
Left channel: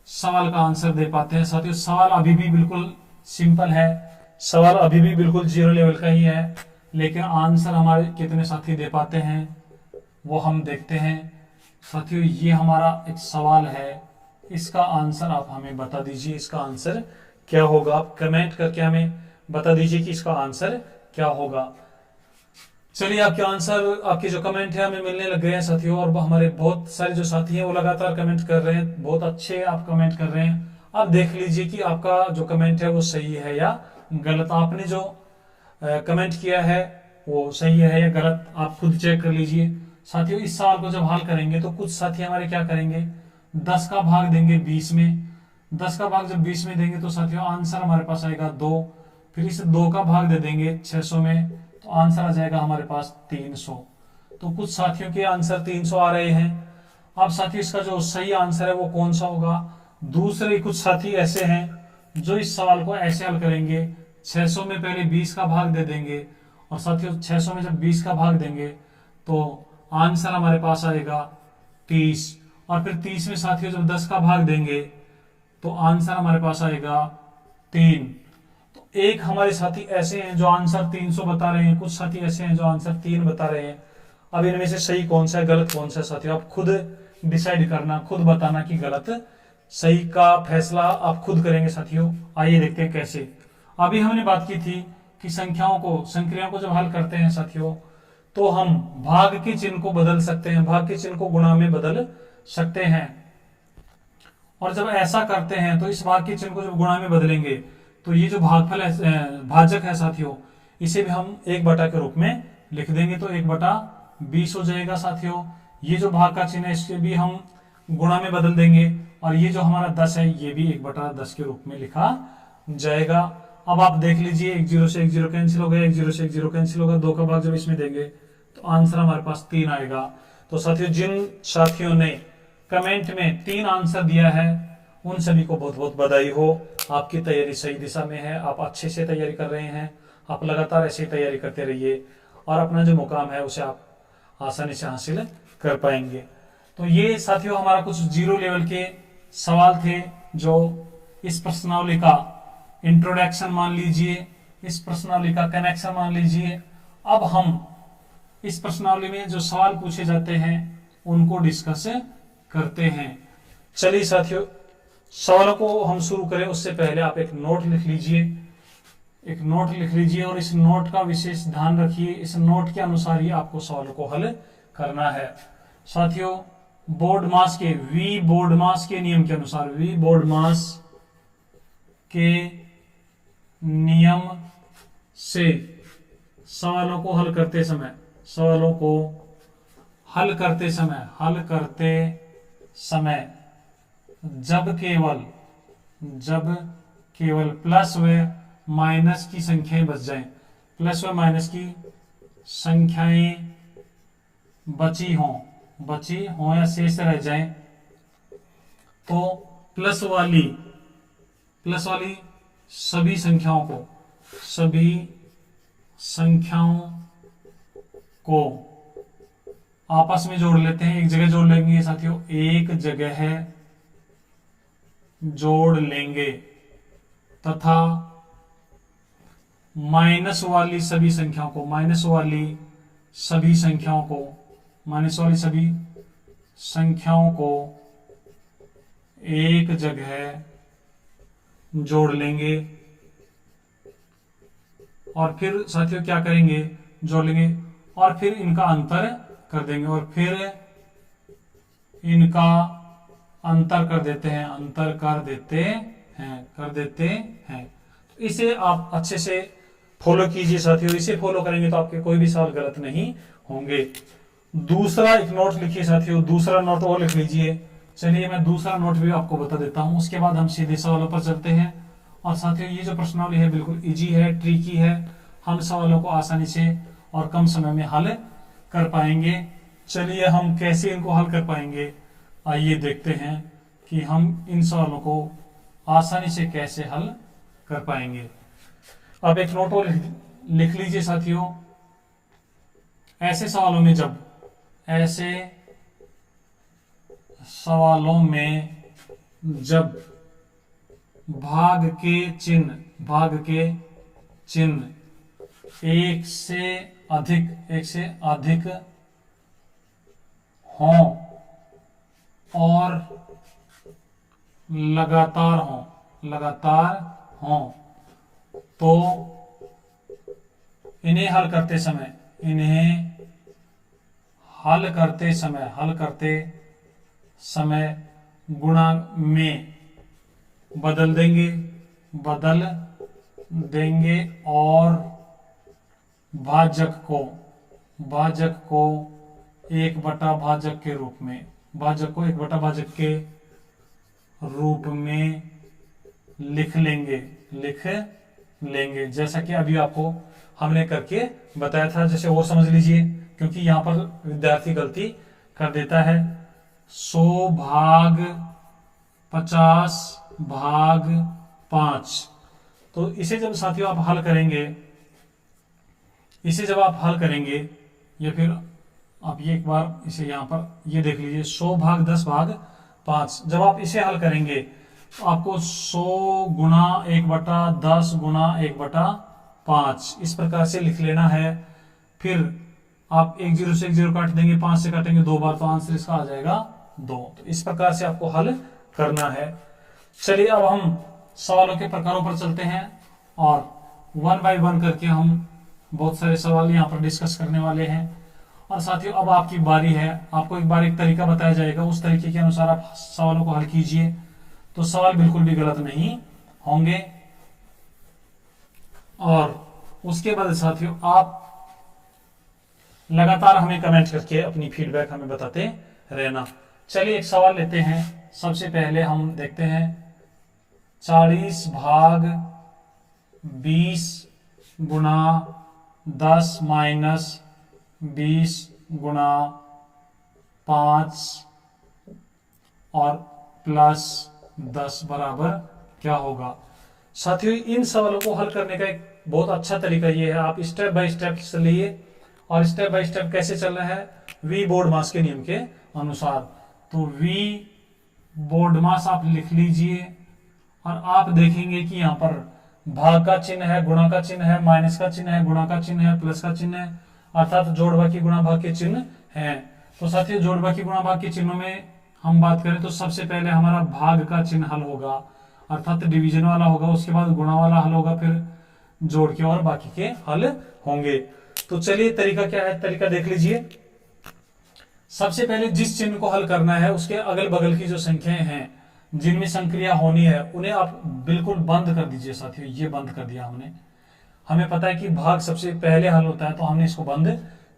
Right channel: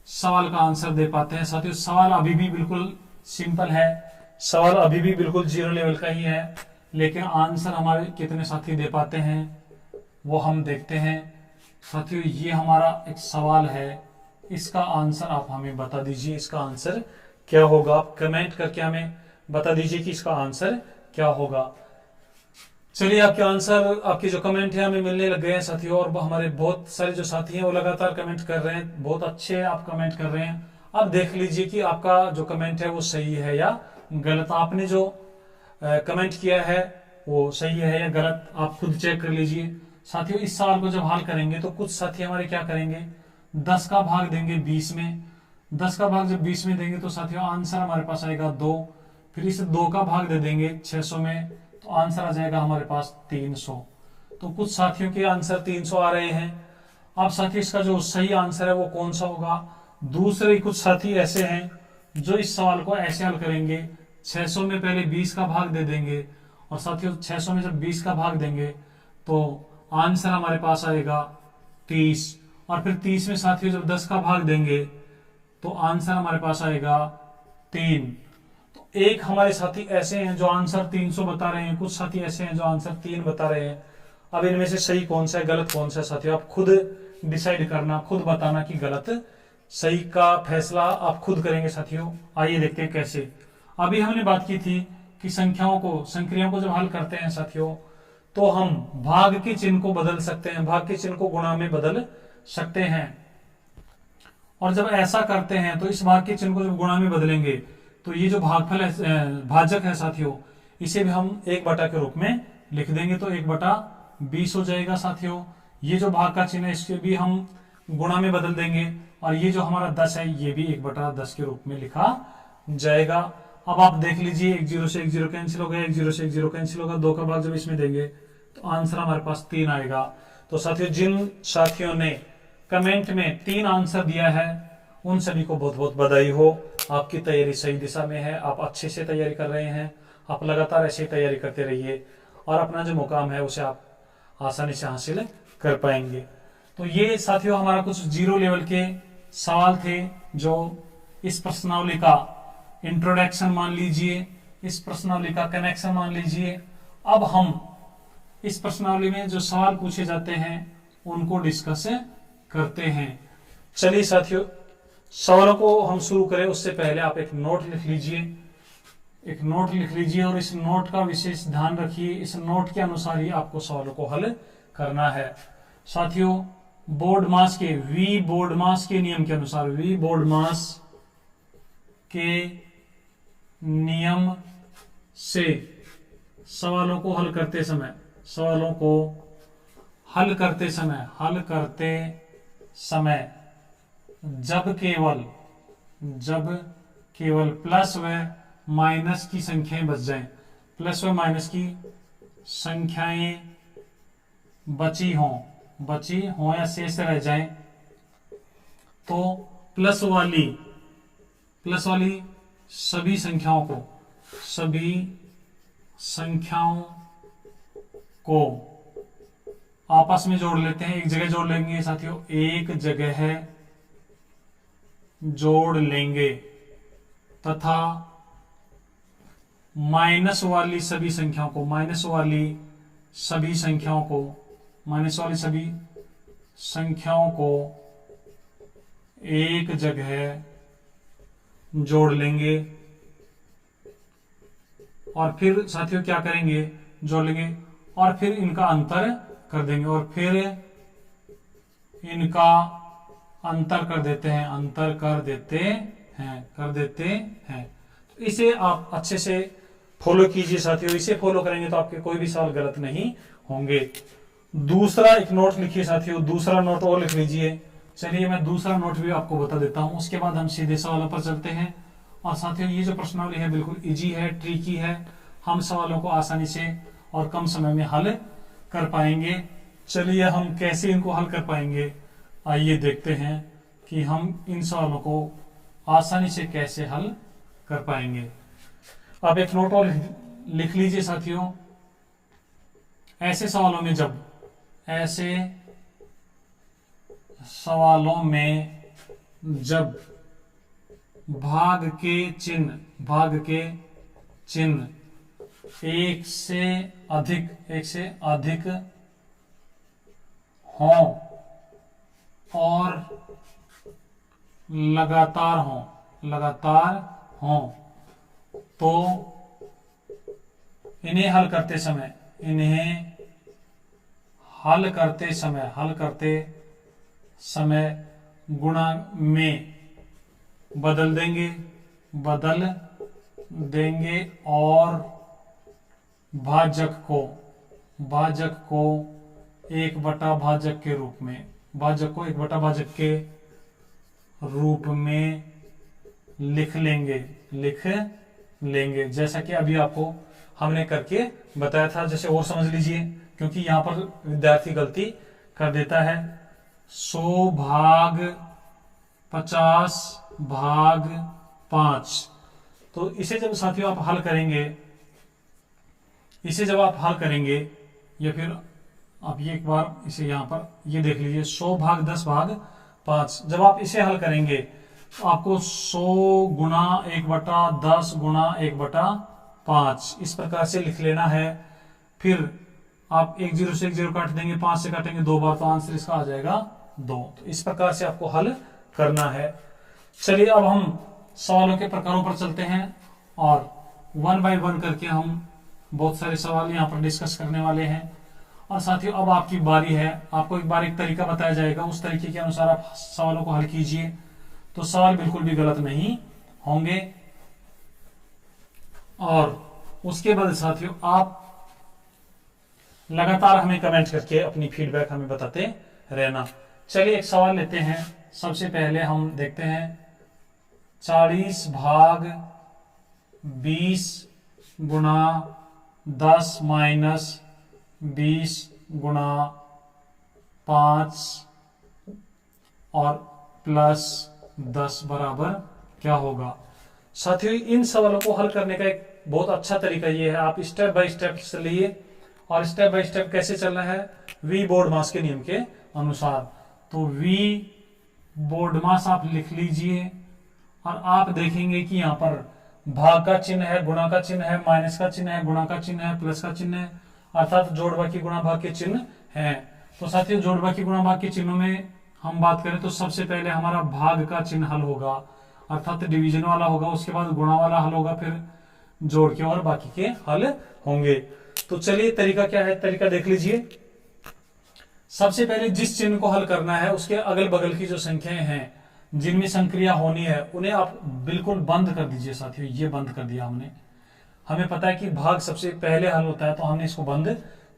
सवाल का आंसर दे पाते हैं। साथियों सवाल अभी भी बिल्कुल सिंपल है, सवाल अभी भी बिल्कुल 0 लेवल का ही है, लेकिन आंसर हमारे कितने साथी दे पाते हैं वो हम देखते हैं। साथियों ये हमारा एक सवाल है, इसका आंसर आप हमें बता दीजिए, इसका आंसर क्या होगा। आप कमेंट करके हमें बता दीजिए कि इसका आंसर क्या होगा। चलिए आपके आंसर, आपके जो कमेंट है हमें मिलने लग गए हैं साथियों, और हमारे बहुत सारे जो साथी हैं वो लगातार कमेंट कर रहे हैं, बहुत अच्छे आप कमेंट कर रहे हैं। आप देख लीजिए कि आपका जो कमेंट है वो सही है या गलत, आपने जो कमेंट किया है वो सही है या गलत, आप खुद चेक कर लीजिए। साथियों इस सवाल को जब हल करेंगे तो कुछ साथी हमारे क्या करेंगे, 10 का भाग देंगे 20 में, 10 का भाग जब 20 में देंगे तो साथियों आंसर हमारे पास आएगा 2, फिर इसे 2 का भाग दे देंगे 600 में, तो आंसर आ जाएगा हमारे पास 300। तो कुछ साथियों के आंसर 300 आ रहे हैं। अब साथियों इसका जो सही आंसर है वो कौन सा होगा। दूसरे कुछ साथी ऐसे हैं जो इस सवाल को ऐसे हल करेंगे, 600 में पहले 20 का भाग दे देंगे, और साथियों 600 में जब 20 का भाग देंगे तो आंसर हमारे पास आएगा 30, और फिर 30 में साथियों जब 10 का भाग देंगे तो आंसर हमारे पास आएगा 3। तो एक हमारे साथी ऐसे हैं जो आंसर 300 बता रहे हैं, कुछ साथी ऐसे हैं जो आंसर 3 बता रहे हैं। अब इनमें से सही कौन सा है गलत कौन सा है साथियों आप खुद डिसाइड करना, खुद बताना कि गलत सही का फैसला आप खुद करेंगे साथियों। आइए देखते हैं कैसे। अभी हमने बात की थी कि संख्याओं को, संक्रियाओं को जब हल करते हैं साथियों तो हम भाग के चिन्ह को बदल सकते हैं, भाग के चिन्ह को गुणा में बदल सकते हैं। और जब ऐसा करते हैं तो इस भाग के चिन्ह को जब गुणा में बदलेंगे तो ये जो भागफल है, भाजक है साथियों, इसे भी हम 1 के रूप में लिख देंगे, तो 1/20 हो जाएगा साथियों। ये जो भाग का चिन्ह है इसके भी हम गुणा में बदल देंगे, और ये जो हमारा 10 है ये भी 1/10 के रूप में लिखा जाएगा। अब आप देख लीजिए 1 0 से 1 0 कैंसिल हो गया, 1 0 से 1 0 कैंसिल होगा, 2 का भाग जब इसमें देंगे तो आंसर हमारे पास 3 आएगा। तो साथियों जिन साथियों ने कमेंट में 3 आंसर दिया है उन सभी को बहुत बहुत बधाई हो, आपकी तैयारी सही दिशा में है, आप अच्छे से तैयारी कर रहे हैं। आप लगातार ऐसे ही तैयारी करते रहिए और अपना जो मुकाम है उसे आप आसानी से हासिल कर पाएंगे। तो ये साथियों हमारा कुछ 0 लेवल के सवाल थे जो इस प्रश्नावली का इंट्रोडक्शन मान लीजिए, इस प्रश्नावली का कनेक्शन मान लीजिए। अब हम इस प्रश्नावली में जो सवाल पूछे जाते हैं उनको डिस्कस करते हैं। चलिए साथियों सवालों को हम शुरू करें उससे पहले आप एक नोट लिख लीजिए, एक नोट लिख लीजिए और इस नोट का विशेष ध्यान रखिए। इस नोट के अनुसार ही आपको सवालों को हल करना है। साथियों बोर्ड मास के वी बोर्ड मास के नियम के अनुसार, वी बोर्ड मास के नियम से सवालों को हल करते समय, सवालों को हल करते समय जब केवल प्लस व माइनस की संख्याएं बच जाएं, प्लस व माइनस की संख्याएं बची हों या शेष रह जाएं, तो प्लस वाली सभी संख्याओं को आपस में जोड़ लेते हैं, एक जगह जोड़ लेंगे साथियों, एक जगह जोड़ लेंगे तथा माइनस वाली सभी संख्याओं को एक जगह जोड़ लेंगे। और फिर साथियों क्या करेंगे, जोड़ लेंगे और फिर इनका अंतर कर देंगे, और फिर इनका अंतर कर देते हैं। तो इसे आप अच्छे से फॉलो कीजिए साथियों, इसे फॉलो करेंगे तो आपके कोई भी सवाल गलत नहीं होंगे। दूसरा एक नोट लिखिए साथियों, दूसरा नोट और लिख लीजिए। चलिए मैं दूसरा नोट भी आपको बता देता हूं, उसके बाद हम सीधे सवालों पर चलते हैं। और साथियों ये जो प्रश्नावली है बिल्कुल इजी है, ट्रिकी है, हम सवालों को आसानी से और कम समय में हल कर पाएंगे। चलिए हम कैसे इनको हल कर पाएंगे, आइए देखते हैं कि हम इन सवालों को आसानी से कैसे हल कर पाएंगे। आप एक नोट और लिख लीजिए साथियों, ऐसे सवालों में जब भाग के चिन्ह एक से अधिक हों और लगातार हों तो इन्हें हल करते समय गुणा में बदल देंगे और भाजक को एक बटा भाजक के रूप में लिख लेंगे जैसा कि अभी आपको हमने करके बताया था। जैसे और समझ लीजिए, क्योंकि यहां पर विद्यार्थी गलती कर देता है। 100 भाग 50 भाग 5, तो इसे जब साथियों आप हल करेंगे, या फिर आप ये एक बार इसे यहां पर ये देख लीजिए, 100 भाग 10 भाग 5, जब आप इसे हल करेंगे तो आपको 100 गुना 1/10 गुना 1/5 इस प्रकार से लिख लेना है। फिर आप 1 0 से 1 0 काट देंगे, 5 से काटेंगे 2 बार, तो आंसर इसका आ जाएगा 2। तो इस प्रकार से आपको हल करना है। चलिए अब हम सवालों के प्रकारों पर चलते हैं और 1 बाय 1 करके हम बहुत सारे सवाल यहाँ पर डिस्कस करने वाले हैं। और साथियों अब आपकी बारी है, आपको एक बार एक तरीका बताया जाएगा, उस तरीके के अनुसार आप सवालों को हल कीजिए, तो सवाल बिल्कुल भी गलत नहीं होंगे। और उसके बाद साथियों आप लगातार हमें कमेंट करके अपनी फीडबैक हमें बताते रहना। चलिए एक सवाल लेते हैं। सबसे पहले हम देखते हैं 40 भाग 20 गुना 10 माइनस 20 गुना 5 और प्लस 10 बराबर क्या होगा। साथियों इन सवालों को हल करने का एक बहुत अच्छा तरीका ये है, आप स्टेप बाय स्टेप चलिए। और स्टेप बाय स्टेप कैसे चलना है, वी बोर्ड मास के नियम के अनुसार। तो वी बोर्ड मास आप लिख लीजिए और आप देखेंगे कि यहां पर भाग का चिन्ह है, गुणा का चिन्ह है, माइनस का चिन्ह है, गुणा का चिन्ह है, प्लस का चिन्ह है, अर्थात जोड़ बाकी गुणा भाग के चिन्ह हैं। तो साथियों जोड़ बाकी गुणा भाग के चिन्हों में हम बात करें तो सबसे पहले हमारा भाग का चिन्ह हल होगा, अर्थात डिवीजन वाला होगा, उसके बाद गुणा वाला हल होगा, फिर जोड़ के और बाकी के हल होंगे। तो चलिए तरीका क्या है, तरीका देख लीजिए। सबसे पहले जिस चिन्ह को हल करना है उसके अगल बगल की जो संख्याएं हैं जिनमें संक्रिया होनी है उन्हें आप बिल्कुल बंद कर दीजिए। साथियों ये बंद कर दिया हमने, हमें पता है कि भाग सबसे पहले हल होता है तो हमने इसको बंद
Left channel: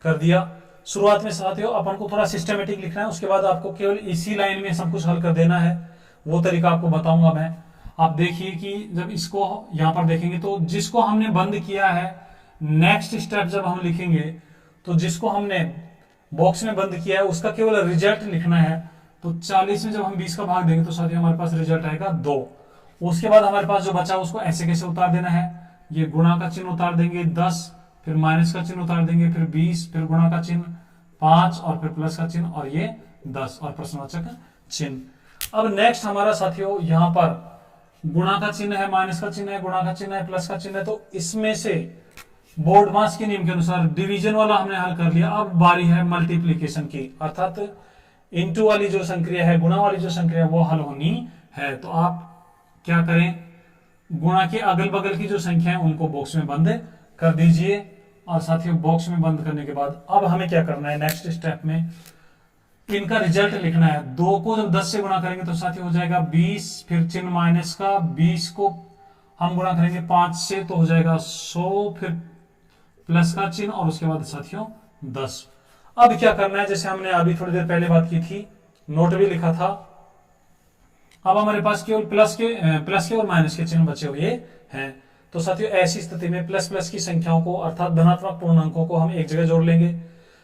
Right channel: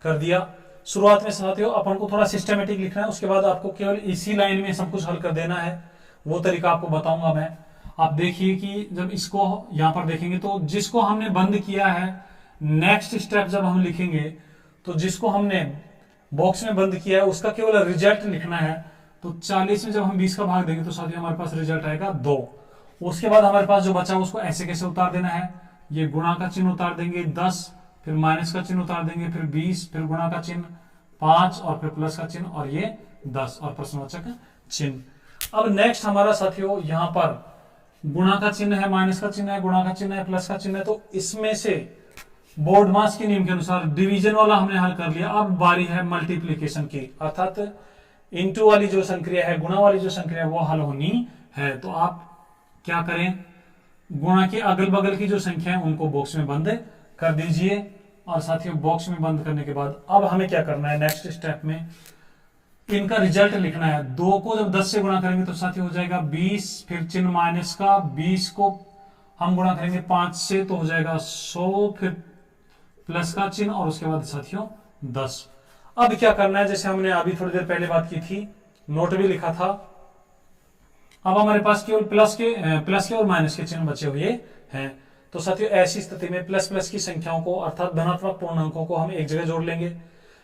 कर दिया। शुरुआत में साथियों अपन को थोड़ा सिस्टमेटिक लिखना है, उसके बाद आपको केवल इसी लाइन में सब कुछ हल कर देना है, वो तरीका आपको बताऊंगा मैं। आप देखिए कि जब इसको यहां पर देखेंगे तो जिसको हमने बंद किया है, नेक्स्ट स्टेप जब हम लिखेंगे तो जिसको हमने बॉक्स में बंद किया है उसका केवल रिजल्ट लिखना है। तो 40 में जब हम 20 का भाग देंगे तो साथियों हमारे पास रिजल्ट आएगा 2। उसके बाद हमारे पास जो बचा उसको ऐसे कैसे उतार देना है, ये गुणा का चिन्ह उतार देंगे 10, फिर माइनस का चिन्ह उतार देंगे, फिर 20, फिर गुणा का चिन्ह 5 और फिर प्लस का चिन्ह और ये 10 और प्रश्नवाचक चिन्ह। अब नेक्स्ट हमारा साथियों यहां पर गुणा का चिन्ह है, माइनस का चिन्ह है, गुणा का चिन्ह है, प्लस का चिन्ह है, तो इसमें से बोर्ड मास के नियम के अनुसार डिवीजन वाला हमने हल कर लिया। अब बारी है मल्टीप्लीकेशन की, अर्थात इनटू वाली जो संक्रिया है, गुणा वाली जो संक्रिया है वो हल होनी है। तो आप क्या करें, गुणा के अगल बगल की जो संख्या है उनको बॉक्स में बंद कर दीजिए। और साथियों बॉक्स में बंद करने के बाद अब हमें क्या करना है, नेक्स्ट स्टेप में इनका रिजल्ट लिखना है। 2 को जब 10 से गुणा करेंगे तो साथियों हो जाएगा 20, फिर चिन्ह माइनस का, 20 को हम गुणा करेंगे 5 से तो हो जाएगा 100, फिर प्लस का चिन्ह और उसके बाद साथियों 10। अब क्या करना है, जैसे हमने अभी थोड़ी देर पहले बात की थी, नोट भी लिखा था, अब हमारे पास केवल प्लस के और माइनस के चिन्ह बचे हुए हैं। तो साथियों ऐसी स्थिति में प्लस प्लस की संख्याओं को अर्थात धनात्मक पूर्णांकों को हम एक जगह जोड़ लेंगे,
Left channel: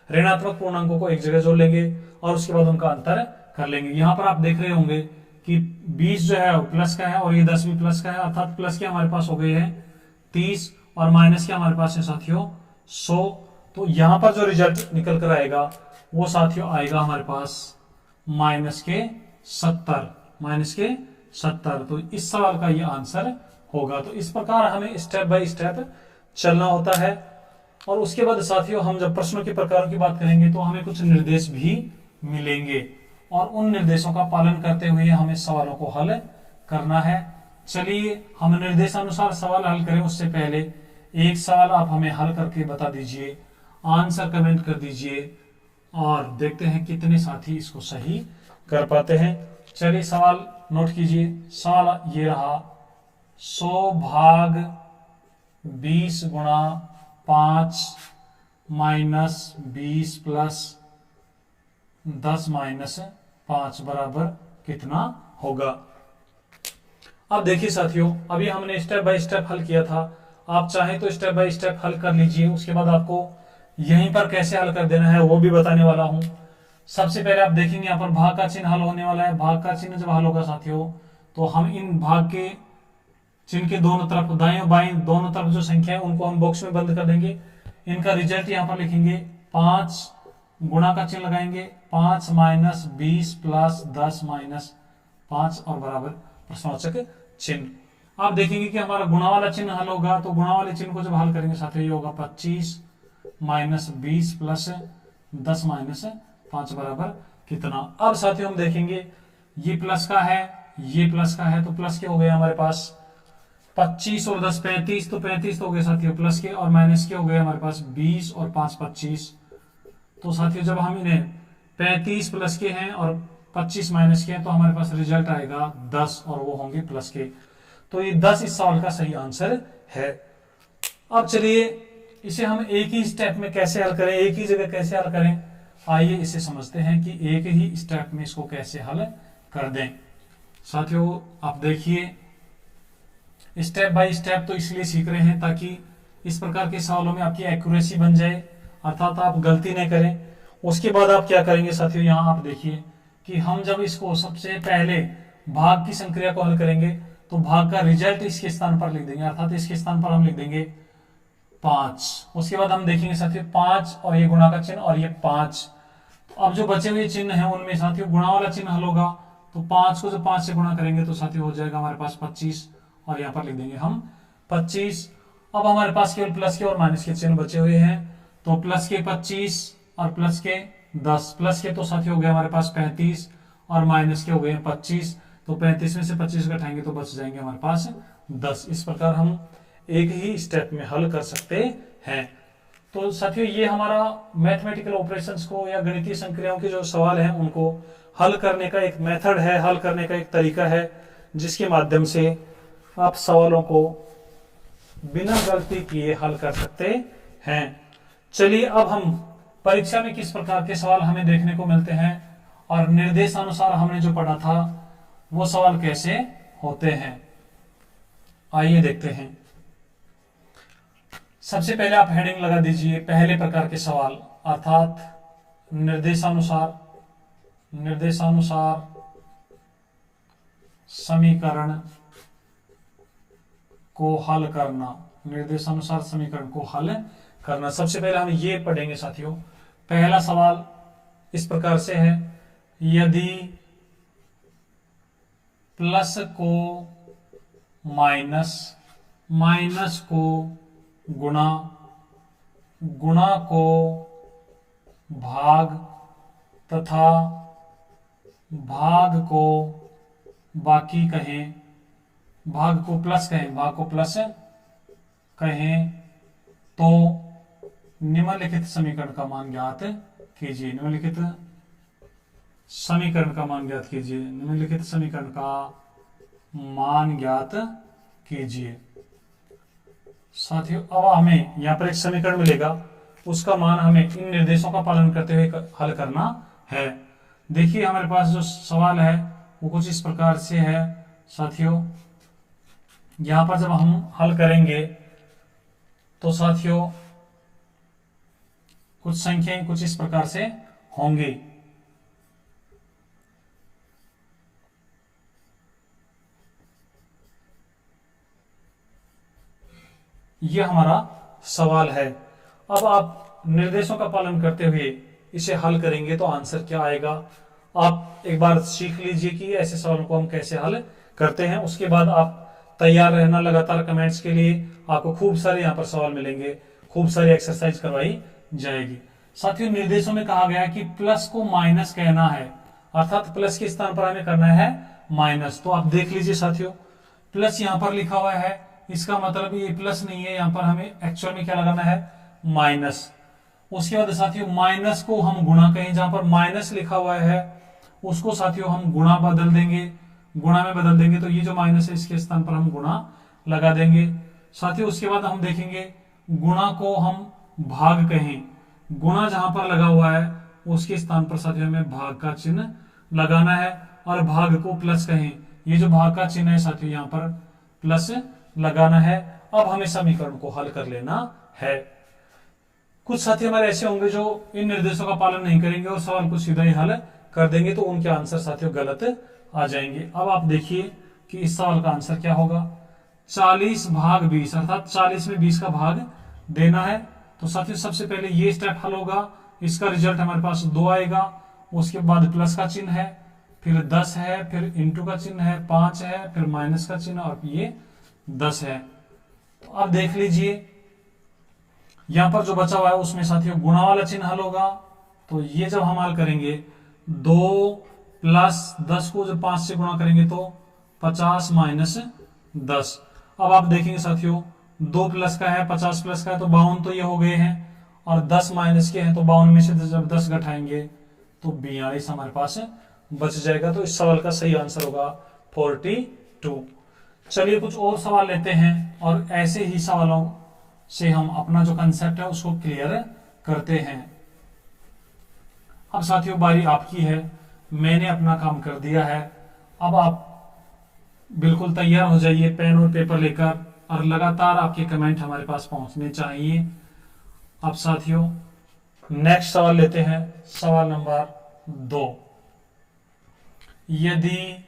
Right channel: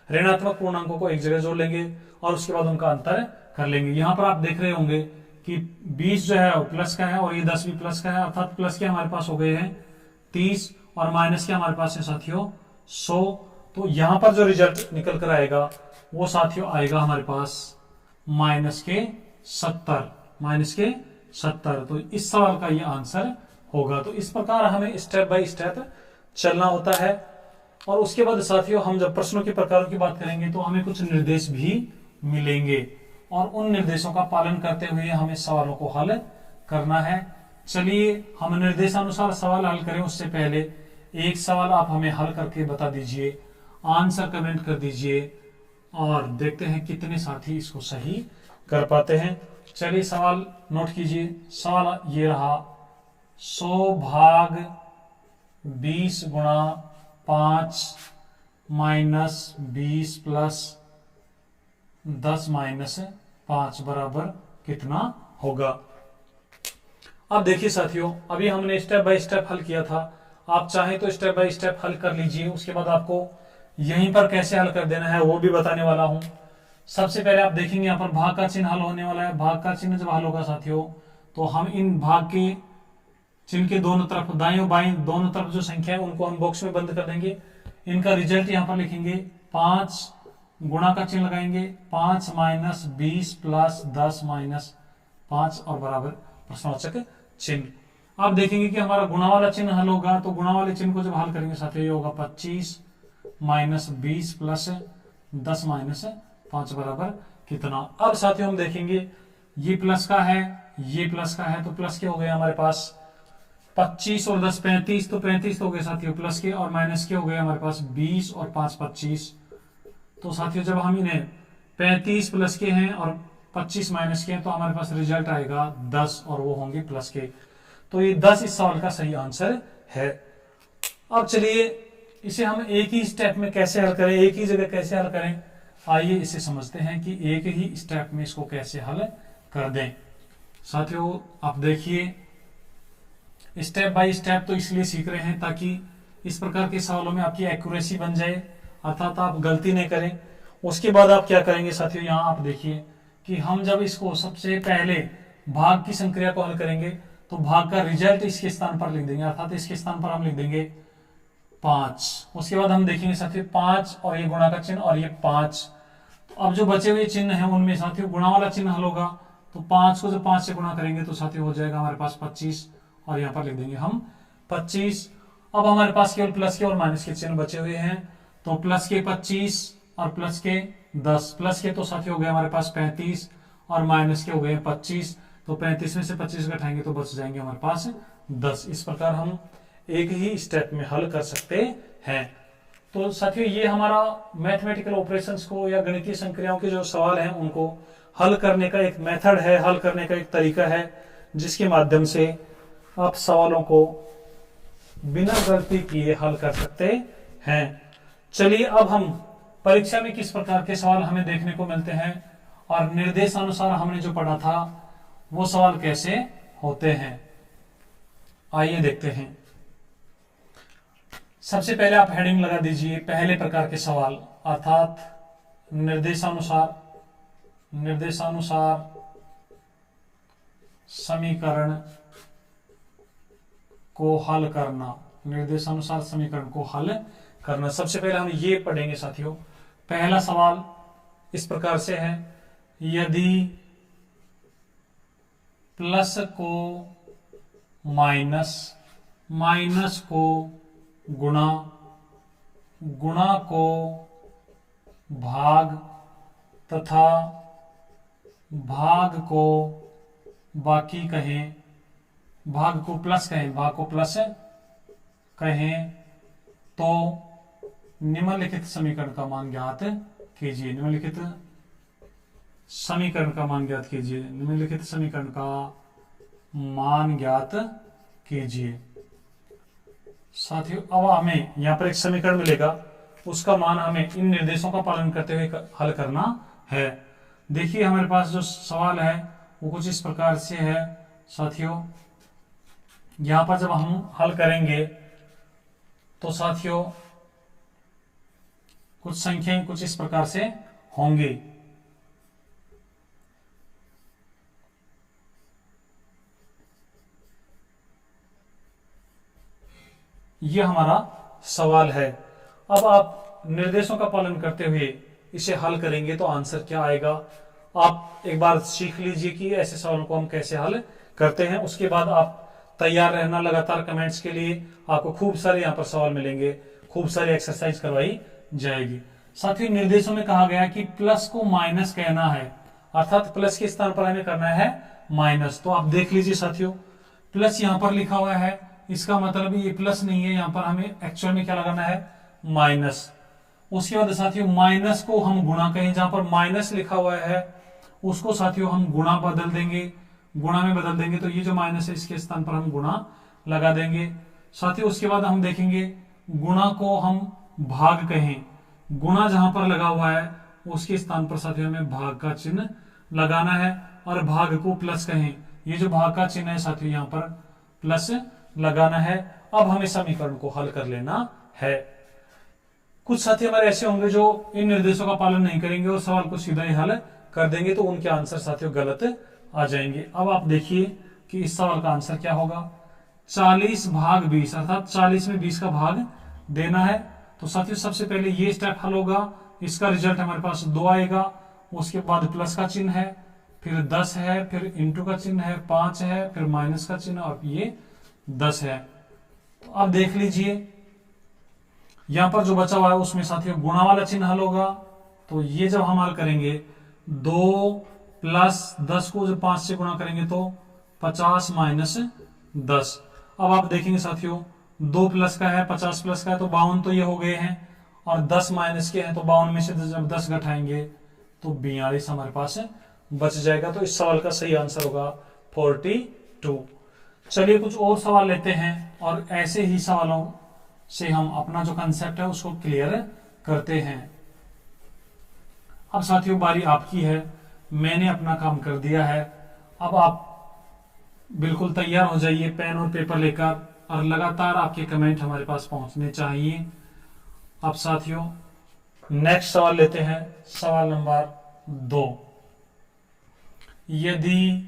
ऋणात्मक पूर्णांकों को एक जगह जोड़ लेंगे और उसके बाद उनका अंतर कर लेंगे। यहां पर आप देख रहे होंगे कि 20 जो है वो प्लस का है और ये 10 भी प्लस का है, अर्थात प्लस के हमारे पास हो गए हैं 30 और माइनस के हमारे पास है साथियों 100। तो यहां पर जो रिजल्ट निकल कर आएगा वो साथियों आएगा हमारे पास माइनस के 70। तो इस सवाल का ये आंसर होगा। तो इस प्रकार हमें स्टेप बाय स्टेप चलना होता है। और उसके बाद साथियों हम जब प्रश्नों के प्रकारों की बात करेंगे तो हमें कुछ निर्देश भी मिलेंगे और उन निर्देशों का पालन करते हुए हमें सवालों को हल करना है। चलिए हम निर्देशानुसार सवाल हल करें उससे पहले एक सवाल आप हमें हल करके बता दीजिए, आंसर कमेंट कर दीजिए और देखते हैं कितने साथी इसको सही कर पाते हैं। चलिए सवाल नोट कीजिए। सवाल ये रहा, 100 भाग 20 गुणा 5 माइनस 20 प्लस 10 माइनस 5 बराबर कितना होगा। अब देखिए साथियों, अभी हमने स्टेप बाय स्टेप हल किया था। आप चाहें तो स्टेप बाय स्टेप हल कर लीजिए, उसके बाद आपको यहीं पर कैसे हल कर देना है वो भी बताने वाला हूं। सबसे पहले आप देखेंगे यहाँ पर भाग का चिन्ह हल होने वाला है। भाग का चिन्ह जब हल होगा साथियों तो हम इन भाग के चिन्ह के दोनों तरफ, दाएं और बाएं दोनों तरफ जो संख्या है उनको हम बॉक्स में बंद कर देंगे। इनका रिजल्ट यहाँ पर लिखेंगे, 5 गुणा का चिन्ह लगाएंगे, 5 माइनस 20 प्लस 10 माइनस 5 और बराबर प्रश्नवाचक चिन्ह। आप देखेंगे कि हमारा गुणा वाला चिन्ह हल होगा। तो गुणा वाले चिन्ह को जब हल करेंगे साथियों ये होगा 25 माइनस 20 प्लस 10 माइनस 5 बराबर कितना। अब साथियों हम देखेंगे ये प्लस का है, ये प्लस का है, तो प्लस के हो गए हमारे पास 25 और 10 35, तो 35 तो हो गए साथियों प्लस के, और माइनस के हो गए हमारे पास 20 और 5 25। तो साथियों जब हम इन्हें 35 प्लस के हैं और 25 माइनस के हैं तो हमारे पास रिजल्ट आएगा 10 और वो होंगे प्लस के। तो ये 10 इस सवाल का सही आंसर है। अब चलिए इसे हम एक ही स्टेप में कैसे हल करें, एक ही जगह कैसे हल करें, आइए इसे समझते हैं कि एक ही स्टेप में इसको कैसे हल कर दें। साथियों आप देखिए, स्टेप बाय स्टेप तो इसलिए सीख रहे हैं ताकि इस प्रकार के सवालों में आपकी एक्यूरेसी बन जाए, अर्थात आप गलती नहीं करें। उसके बाद आप क्या करेंगे साथियों, यहाँ आप देखिए कि हम जब इसको सबसे पहले भाग की संक्रिया को हल करेंगे तो भाग का रिजल्ट इसके स्थान पर लिख देंगे, अर्थात इसके स्थान पर हम लिख देंगे 5। उसके बाद हम देखेंगे साथियों 5 और ये गुणा का चिन्ह और ये 5। तो अब जो बचे हुए चिन्ह हैं उनमें साथियों गुणा वाला चिन्ह हल होगा। तो 5 को जब 5 से गुणा करेंगे तो साथियों हो जाएगा हमारे पास 25 और यहाँ पर लिख देंगे हम 25। अब हमारे पास केवल प्लस के और माइनस के चिन्ह बचे हुए हैं। तो प्लस के 25 और प्लस के 10। प्लस के तो साथियों हो गए हमारे पास 35 और माइनस के हो गए 25। तो 35 में से 25 घटाएंगे तो बच जाएंगे हमारे पास 10। इस प्रकार हम एक ही स्टेप में हल कर सकते हैं। तो साथियों ये हमारा मैथमेटिकल ऑपरेशंस को या गणितीय संक्रियाओं के जो सवाल हैं उनको हल करने का एक मेथड है, हल करने का एक तरीका है जिसके माध्यम से आप सवालों को बिना गलती किए हल कर सकते हैं। चलिए अब हम परीक्षा में किस प्रकार के सवाल हमें देखने को मिलते हैं और निर्देशानुसार हमने जो पढ़ा था वो सवाल कैसे होते हैं, आइए देखते हैं। सबसे पहले आप हेडिंग लगा दीजिए पहले प्रकार के सवाल, अर्थात निर्देशानुसार समीकरण को हल करना, निर्देशानुसार समीकरण को हल करना। सबसे पहले हम ये पढ़ेंगे साथियों। पहला सवाल इस प्रकार से है, यदि प्लस को माइनस, माइनस को गुणा, गुणा को भाग तथा भाग को बाकी कहें, भाग को प्लस कहें, भाग को प्लस कहें तो निम्नलिखित समीकरण का मान ज्ञात कीजिए। निम्नलिखित समीकरण का मान ज्ञात कीजिए, निम्नलिखित समीकरण का मान ज्ञात कीजिए। साथियों अब हमें यहाँ पर एक समीकरण मिलेगा, उसका मान हमें इन निर्देशों का पालन करते हुए हल करना है। देखिए हमारे पास जो सवाल है वो कुछ इस प्रकार से है साथियों। यहां पर जब हम हल करेंगे तो साथियों कुछ संख्याएं कुछ इस प्रकार से होंगी। यह हमारा सवाल है। अब आप निर्देशों का पालन करते हुए इसे हल करेंगे तो आंसर क्या आएगा, आप एक बार सीख लीजिए कि ऐसे सवालों को हम कैसे हल करते हैं। उसके बाद आप तैयार रहना लगातार कमेंट्स के लिए। आपको खूब सारे यहाँ पर सवाल मिलेंगे, खूब सारी एक्सरसाइज करवाई जाएगी। साथियों निर्देशों में कहा गया कि प्लस को माइनस कहना है, अर्थात प्लस के स्थान पर हमें करना है माइनस। तो आप देख लीजिए साथियों, प्लस यहाँ पर लिखा हुआ है, इसका मतलब ये प्लस नहीं है, यहाँ पर हमें एक्चुअल में क्या लगाना है, माइनस। उसके बाद साथियों माइनस को हम गुणा कहें, जहां पर माइनस लिखा हुआ है उसको साथियों हम गुणा बदल देंगे, गुणा में बदल देंगे। तो ये जो माइनस है इसके स्थान पर हम गुणा लगा देंगे साथियों। उसके बाद हम देखेंगे गुणा को हम भाग कहें, गुणा जहां पर लगा हुआ है उसके स्थान पर साथियों हमें भाग का चिन्ह लगाना है। और भाग को प्लस कहें, ये जो भाग का चिन्ह है साथियों यहाँ पर प्लस लगाना है। अब हमें समीकरण को हल कर लेना है। कुछ साथी हमारे ऐसे होंगे जो इन निर्देशों का पालन नहीं करेंगे और सवाल को सीधा ही हल कर देंगे, तो उनके आंसर साथियों गलत आ जाएंगे। अब आप देखिए कि इस सवाल का आंसर क्या होगा। 40 भाग 20, अर्थात 40 में 20 का भाग देना है। तो साथियों सबसे पहले ये स्टेप हल होगा, इसका रिजल्ट हमारे पास 2 आएगा। उसके बाद प्लस का चिन्ह है, फिर 10 है, फिर इंटू का चिन्ह है, 5 है, फिर माइनस का चिन्ह और ये 10 है। तो अब देख लीजिए यहां पर जो बचा हुआ है उसमें साथियों गुणा वाला चिन्ह हल होगा। तो ये जब हम हल करेंगे 2 प्लस 10 को जब 5 से गुणा करेंगे तो 50 माइनस 10। अब आप देखेंगे साथियों 2 प्लस का है, 50 प्लस का है, तो 52 तो ये हो गए हैं, और 10 माइनस के हैं तो 52 में से जब 10 घटाएंगे तो 42 हमारे पास बच जाएगा। तो इस सवाल का सही आंसर होगा 42। चलिए कुछ और सवाल लेते हैं और ऐसे ही सवालों से हम अपना जो कंसेप्ट है उसको क्लियर करते हैं। अब साथियों बारी आपकी है, मैंने अपना काम कर दिया है। अब आप बिल्कुल तैयार हो जाइए पेन और पेपर लेकर, और लगातार आपके कमेंट हमारे पास पहुंचने चाहिए। अब साथियों नेक्स्ट सवाल लेते हैं, सवाल नंबर 2। यदि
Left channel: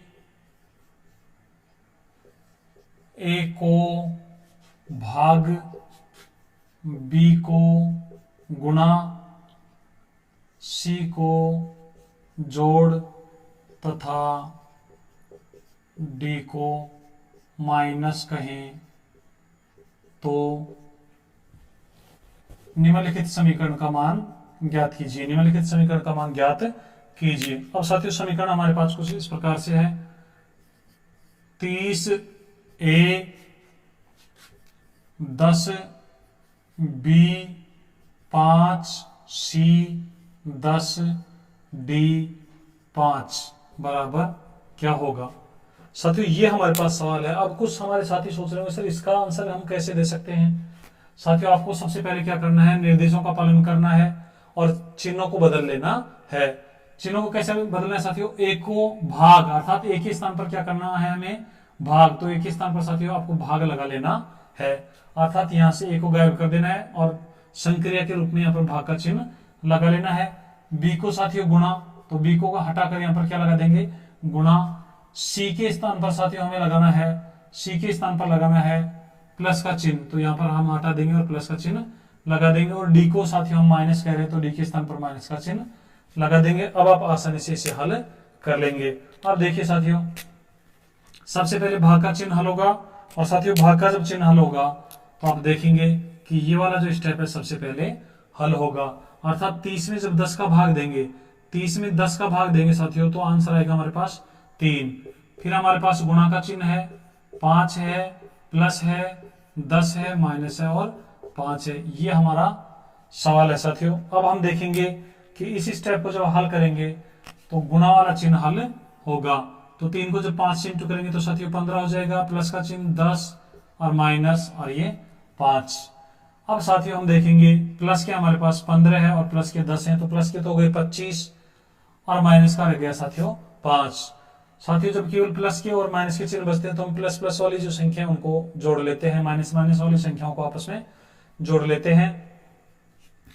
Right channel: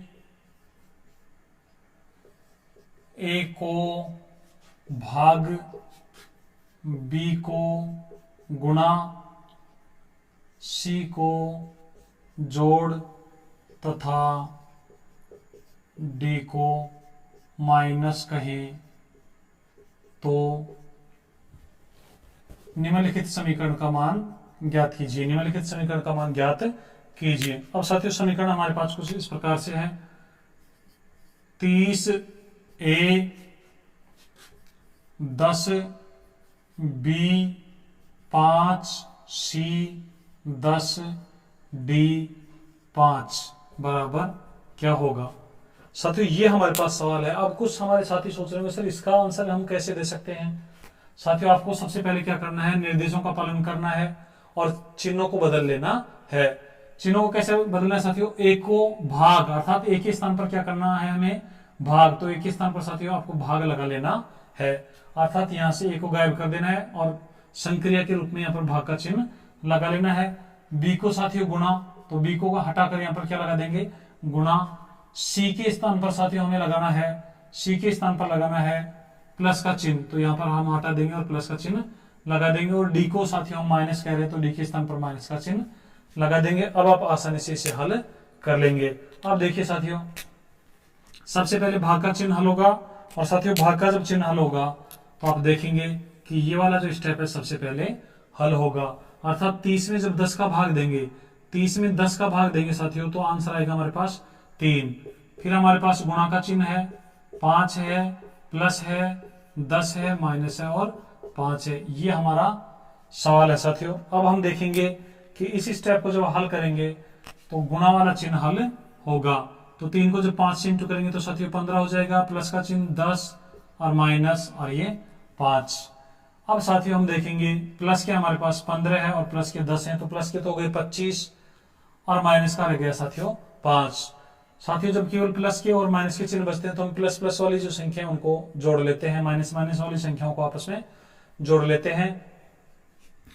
ए को भाग बी को गुणा सी को जोड़ तथा डी को माइनस कहें तो निम्नलिखित समीकरण का मान ज्ञात कीजिए। निम्नलिखित समीकरण का मान ज्ञात कीजिए। अब साथियों समीकरण हमारे पास कुछ इस प्रकार से है। 30A 10B 5C 10D 5 बराबर क्या होगा। साथियों ये हमारे पास सवाल है। अब कुछ हमारे साथी सोच रहे होंगे सर इसका आंसर हम कैसे दे सकते हैं। साथियों आपको सबसे पहले क्या करना है, निर्देशों का पालन करना है और चिन्हों को बदल लेना है। चिन्हों को कैसे बदलना है साथियों, ए को भाग, अर्थात एक के स्थान पर क्या करना है हमें, भाग। तो एक के स्थान पर साथियों आपको भाग लगा लेना है, अर्थात यहां से ए को गायब कर देना है और संक्रिया के रूप में यहाँ पर भाग का चिन्ह लगा लेना है। बी को साथियों गुणा, तो बी को हटाकर यहाँ पर क्या लगा देंगे, गुणा। सी के स्थान पर साथियों हमें लगाना है, सी के स्थान पर लगाना है प्लस का चिन्ह, तो यहाँ पर हम हटा देंगे और प्लस का चिन्ह लगा देंगे। और डी को साथियों हम माइनस कह रहे हैं तो डी के स्थान पर माइनस का चिन्ह लगा देंगे। अब आप आसानी से इसे हल कर लेंगे। अब देखिए साथियों सबसे पहले भाग का चिन्ह हल होगा, और साथियों भाग का जब चिन्ह हल होगा तो आप देखेंगे कि ये वाला जो स्टेप है सबसे पहले हल होगा, अर्थात 30 में जब 10 का भाग देंगे, 30 में 10 का भाग देंगे साथियों तो आंसर आएगा हमारे पास 3। फिर हमारे पास गुणा का चिन्ह है, 5 है, प्लस है, 10 है, माइनस है और 5 है। ये हमारा सवाल है साथियों। अब हम देखेंगे कि इस स्टेप को जब हल करेंगे तो गुणा वाला चिन्ह हल होगा। तो 3 को जब 5 से इंटू करेंगे तो साथियों 15 हो जाएगा, प्लस का चिन्ह 10 और माइनस और ये 5। अब साथियों हम देखेंगे प्लस के हमारे पास 15 है और प्लस के 10 है, तो प्लस के तो हो गए 25 और माइनस का रह गया साथियों 5। साथियों जब केवल प्लस के और माइनस के चिन्ह बचते हैं तो हम प्लस प्लस वाली जो संख्या है उनको जोड़ लेते हैं, माइनस माइनस वाली संख्याओं को आपस में जोड़ लेते हैं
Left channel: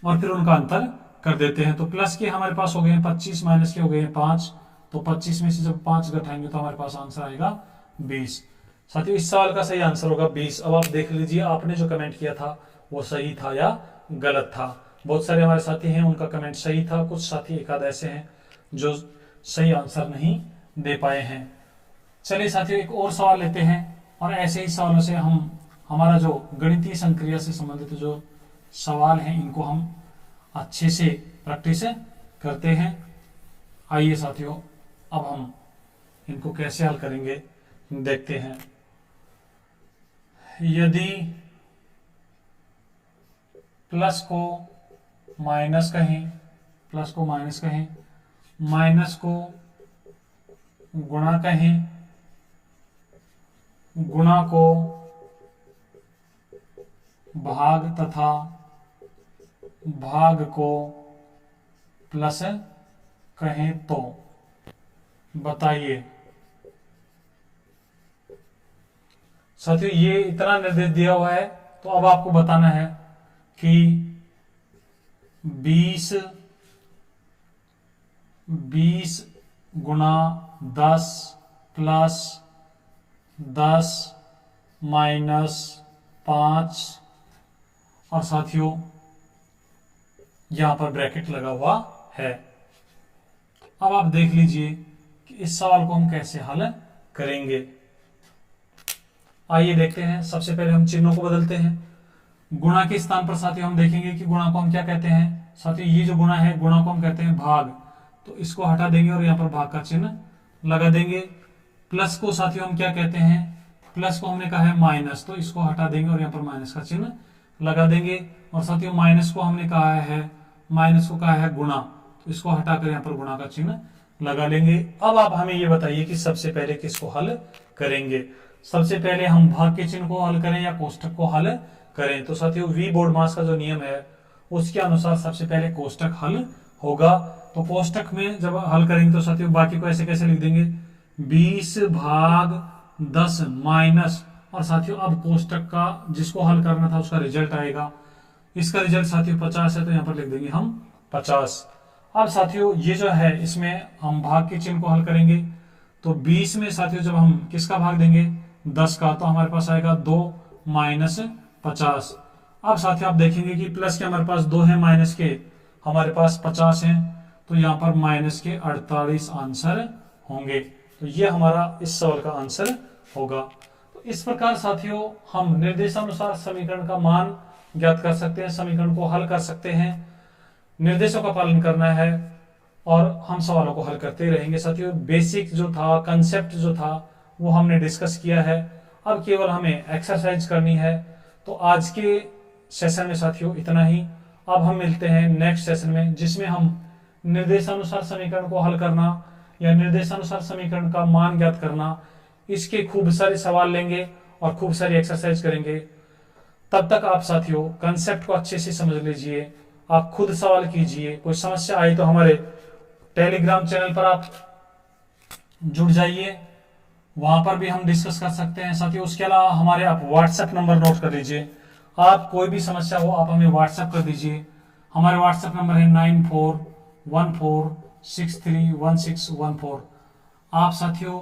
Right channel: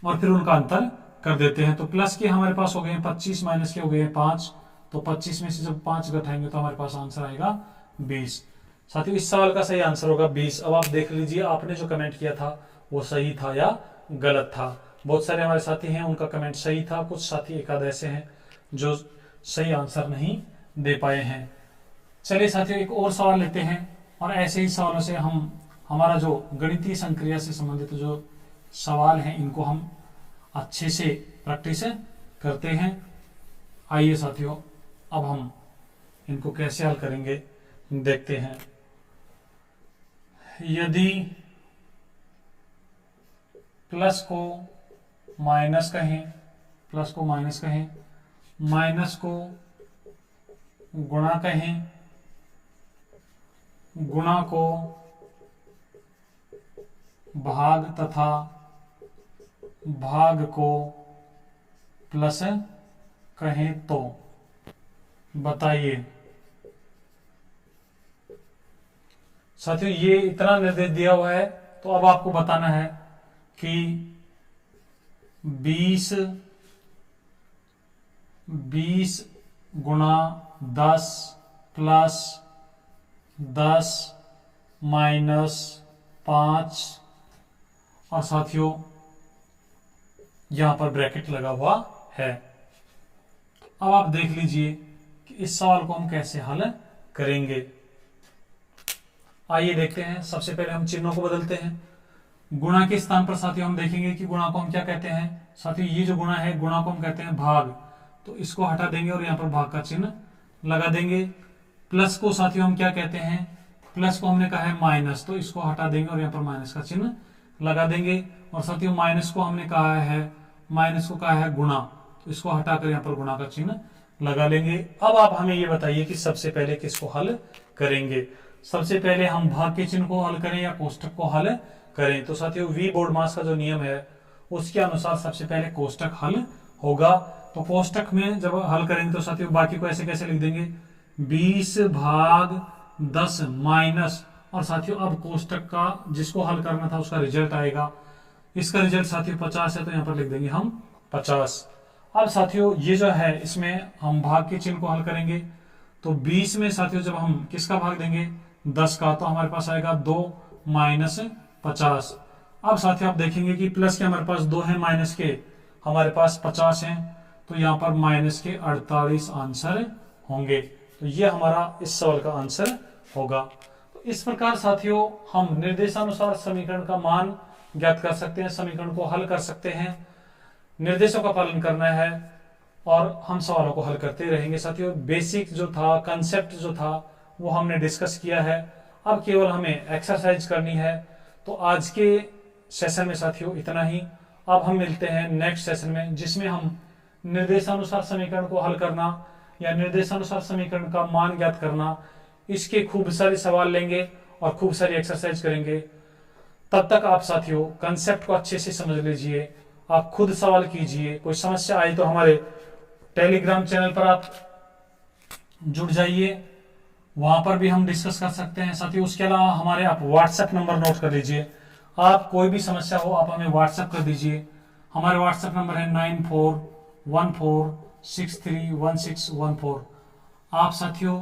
और फिर उनका अंतर कर देते हैं। तो प्लस के हमारे पास हो गए हैं 25, माइनस के हो गए हैं 5। तो 25 में से जब 5 घटाएंगे तो हमारे पास आंसर आएगा 20। साथियों इस सवाल का सही आंसर होगा 20। अब आप देख लीजिए आपने जो कमेंट किया था वो सही था या गलत था। बहुत सारे हमारे साथी हैं उनका कमेंट सही था, कुछ साथी एक आध ऐसे हैं जो सही आंसर नहीं दे पाए हैं। चलिए साथियों एक और सवाल लेते हैं और ऐसे ही सवालों से हम हमारा जो गणितीय संक्रिया से संबंधित जो सवाल हैं इनको हम अच्छे से प्रैक्टिस करते हैं। आइए साथियों अब हम इनको कैसे हल करेंगे देखते हैं। यदि प्लस को माइनस कहें, प्लस को माइनस कहें, माइनस को गुणा कहें, गुणा को भाग तथा भाग को प्लस कहें तो बताइए। साथियों ये इतना निर्देश दिया हुआ है तो अब आपको बताना है कि 20 गुणा 10 प्लस 10 माइनस 5 और साथियों यहां पर ब्रैकेट लगा हुआ है। अब आप देख लीजिए कि इस सवाल को हम कैसे हल करेंगे। आइए देखते हैं। सबसे पहले हम चिन्हों को बदलते हैं। गुणा के स्थान पर साथियों हम देखेंगे कि गुणा को हम क्या कहते हैं। साथियों ये जो गुणा है गुणा को हम कहते हैं भाग, तो इसको हटा देंगे और यहाँ पर भाग का चिन्ह लगा देंगे। प्लस को साथियों हम क्या कहते हैं, प्लस को हमने कहा है माइनस, तो इसको हटा देंगे और यहाँ पर माइनस का चिन्ह लगा देंगे। और साथियों माइनस को हमने कहा है, माइनस को कहा है गुणा, तो इसको हटाकर यहाँ पर गुणा का चिन्ह लगा लेंगे। अब आप हमें ये बताइए कि सबसे पहले किसको हल करेंगे। सबसे पहले हम भाग के चिन्ह को हल करें या कोष्टक को हल करें। तो साथियों वी बोर्डमास का जो नियम है उसके अनुसार सबसे पहले कोष्टक हल होगा। तो कोष्टक में जब हल करेंगे तो साथियों बाकी को ऐसे कैसे लिख देंगे, 20 भाग 10 माइनस, और साथियों अब कोष्टक का जिसको हल करना था उसका रिजल्ट आएगा। इसका रिजल्ट साथियों 50 है तो यहाँ पर लिख देंगे हम 50। अब साथियों ये जो है इसमें हम भाग के चिन्ह को हल करेंगे। तो 20 में साथियों जब हम किसका भाग देंगे, 10 का, तो हमारे पास आएगा 2 माइनस 50। अब साथियों आप देखेंगे कि प्लस के हमारे पास 2 है, माइनस के हमारे पास 50 हैं, तो यहाँ पर माइनस के 48 आंसर होंगे। तो ये हमारा इस सवाल का आंसर होगा। तो इस प्रकार साथियों हम निर्देशानुसार समीकरण का मान ज्ञात कर सकते हैं, समीकरण को हल कर सकते हैं। निर्देशों का पालन करना है और हम सवालों को हल करते रहेंगे। साथियों बेसिक जो था, कंसेप्ट जो था वो हमने डिस्कस किया है। अब केवल हमें एक्सरसाइज करनी है। तो आज के सेशन में साथियों इतना ही। अब हम मिलते हैं नेक्स्ट सेशन में जिसमें हम निर्देशानुसार समीकरण को हल करना या निर्देशानुसार समीकरण का मान ज्ञात करना, इसके खूब सारे सवाल लेंगे और खूब सारी एक्सरसाइज करेंगे। तब तक आप साथियों कंसेप्ट को अच्छे से समझ लीजिए, आप खुद सवाल कीजिए। कोई समस्या आई तो हमारे टेलीग्राम चैनल पर आप जुड़ जाइए, वहां पर भी हम डिस्कस कर सकते हैं। साथियों उसके अलावा हमारे आप व्हाट्सएप नंबर नोट कर लीजिए। आप कोई भी समस्या हो आप हमें व्हाट्सएप कर दीजिए। हमारे व्हाट्सएप नंबर है 9414631614। आप साथियों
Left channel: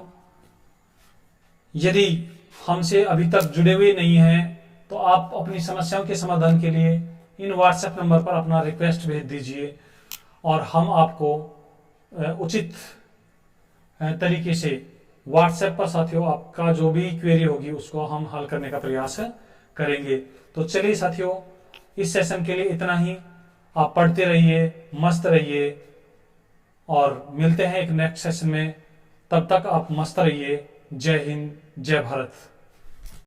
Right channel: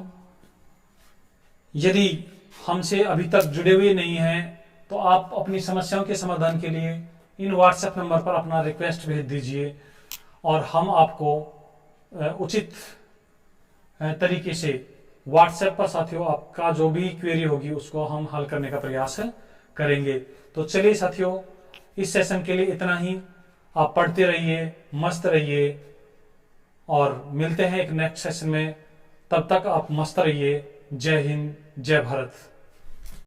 यदि हमसे अभी तक जुड़े हुए नहीं हैं तो आप अपनी समस्याओं के समाधान के लिए इन व्हाट्सएप नंबर पर अपना रिक्वेस्ट भेज दीजिए और हम आपको उचित तरीके से व्हाट्सएप पर साथियों आपका जो भी क्वेरी होगी उसको हम हल करने का प्रयास करेंगे। तो चलिए साथियों इस सेशन के लिए इतना ही। आप पढ़ते रहिए, मस्त रहिए और मिलते हैं एक नेक्स्ट सेशन में। तब तक आप मस्त रहिए। जय हिंद, जय भारत।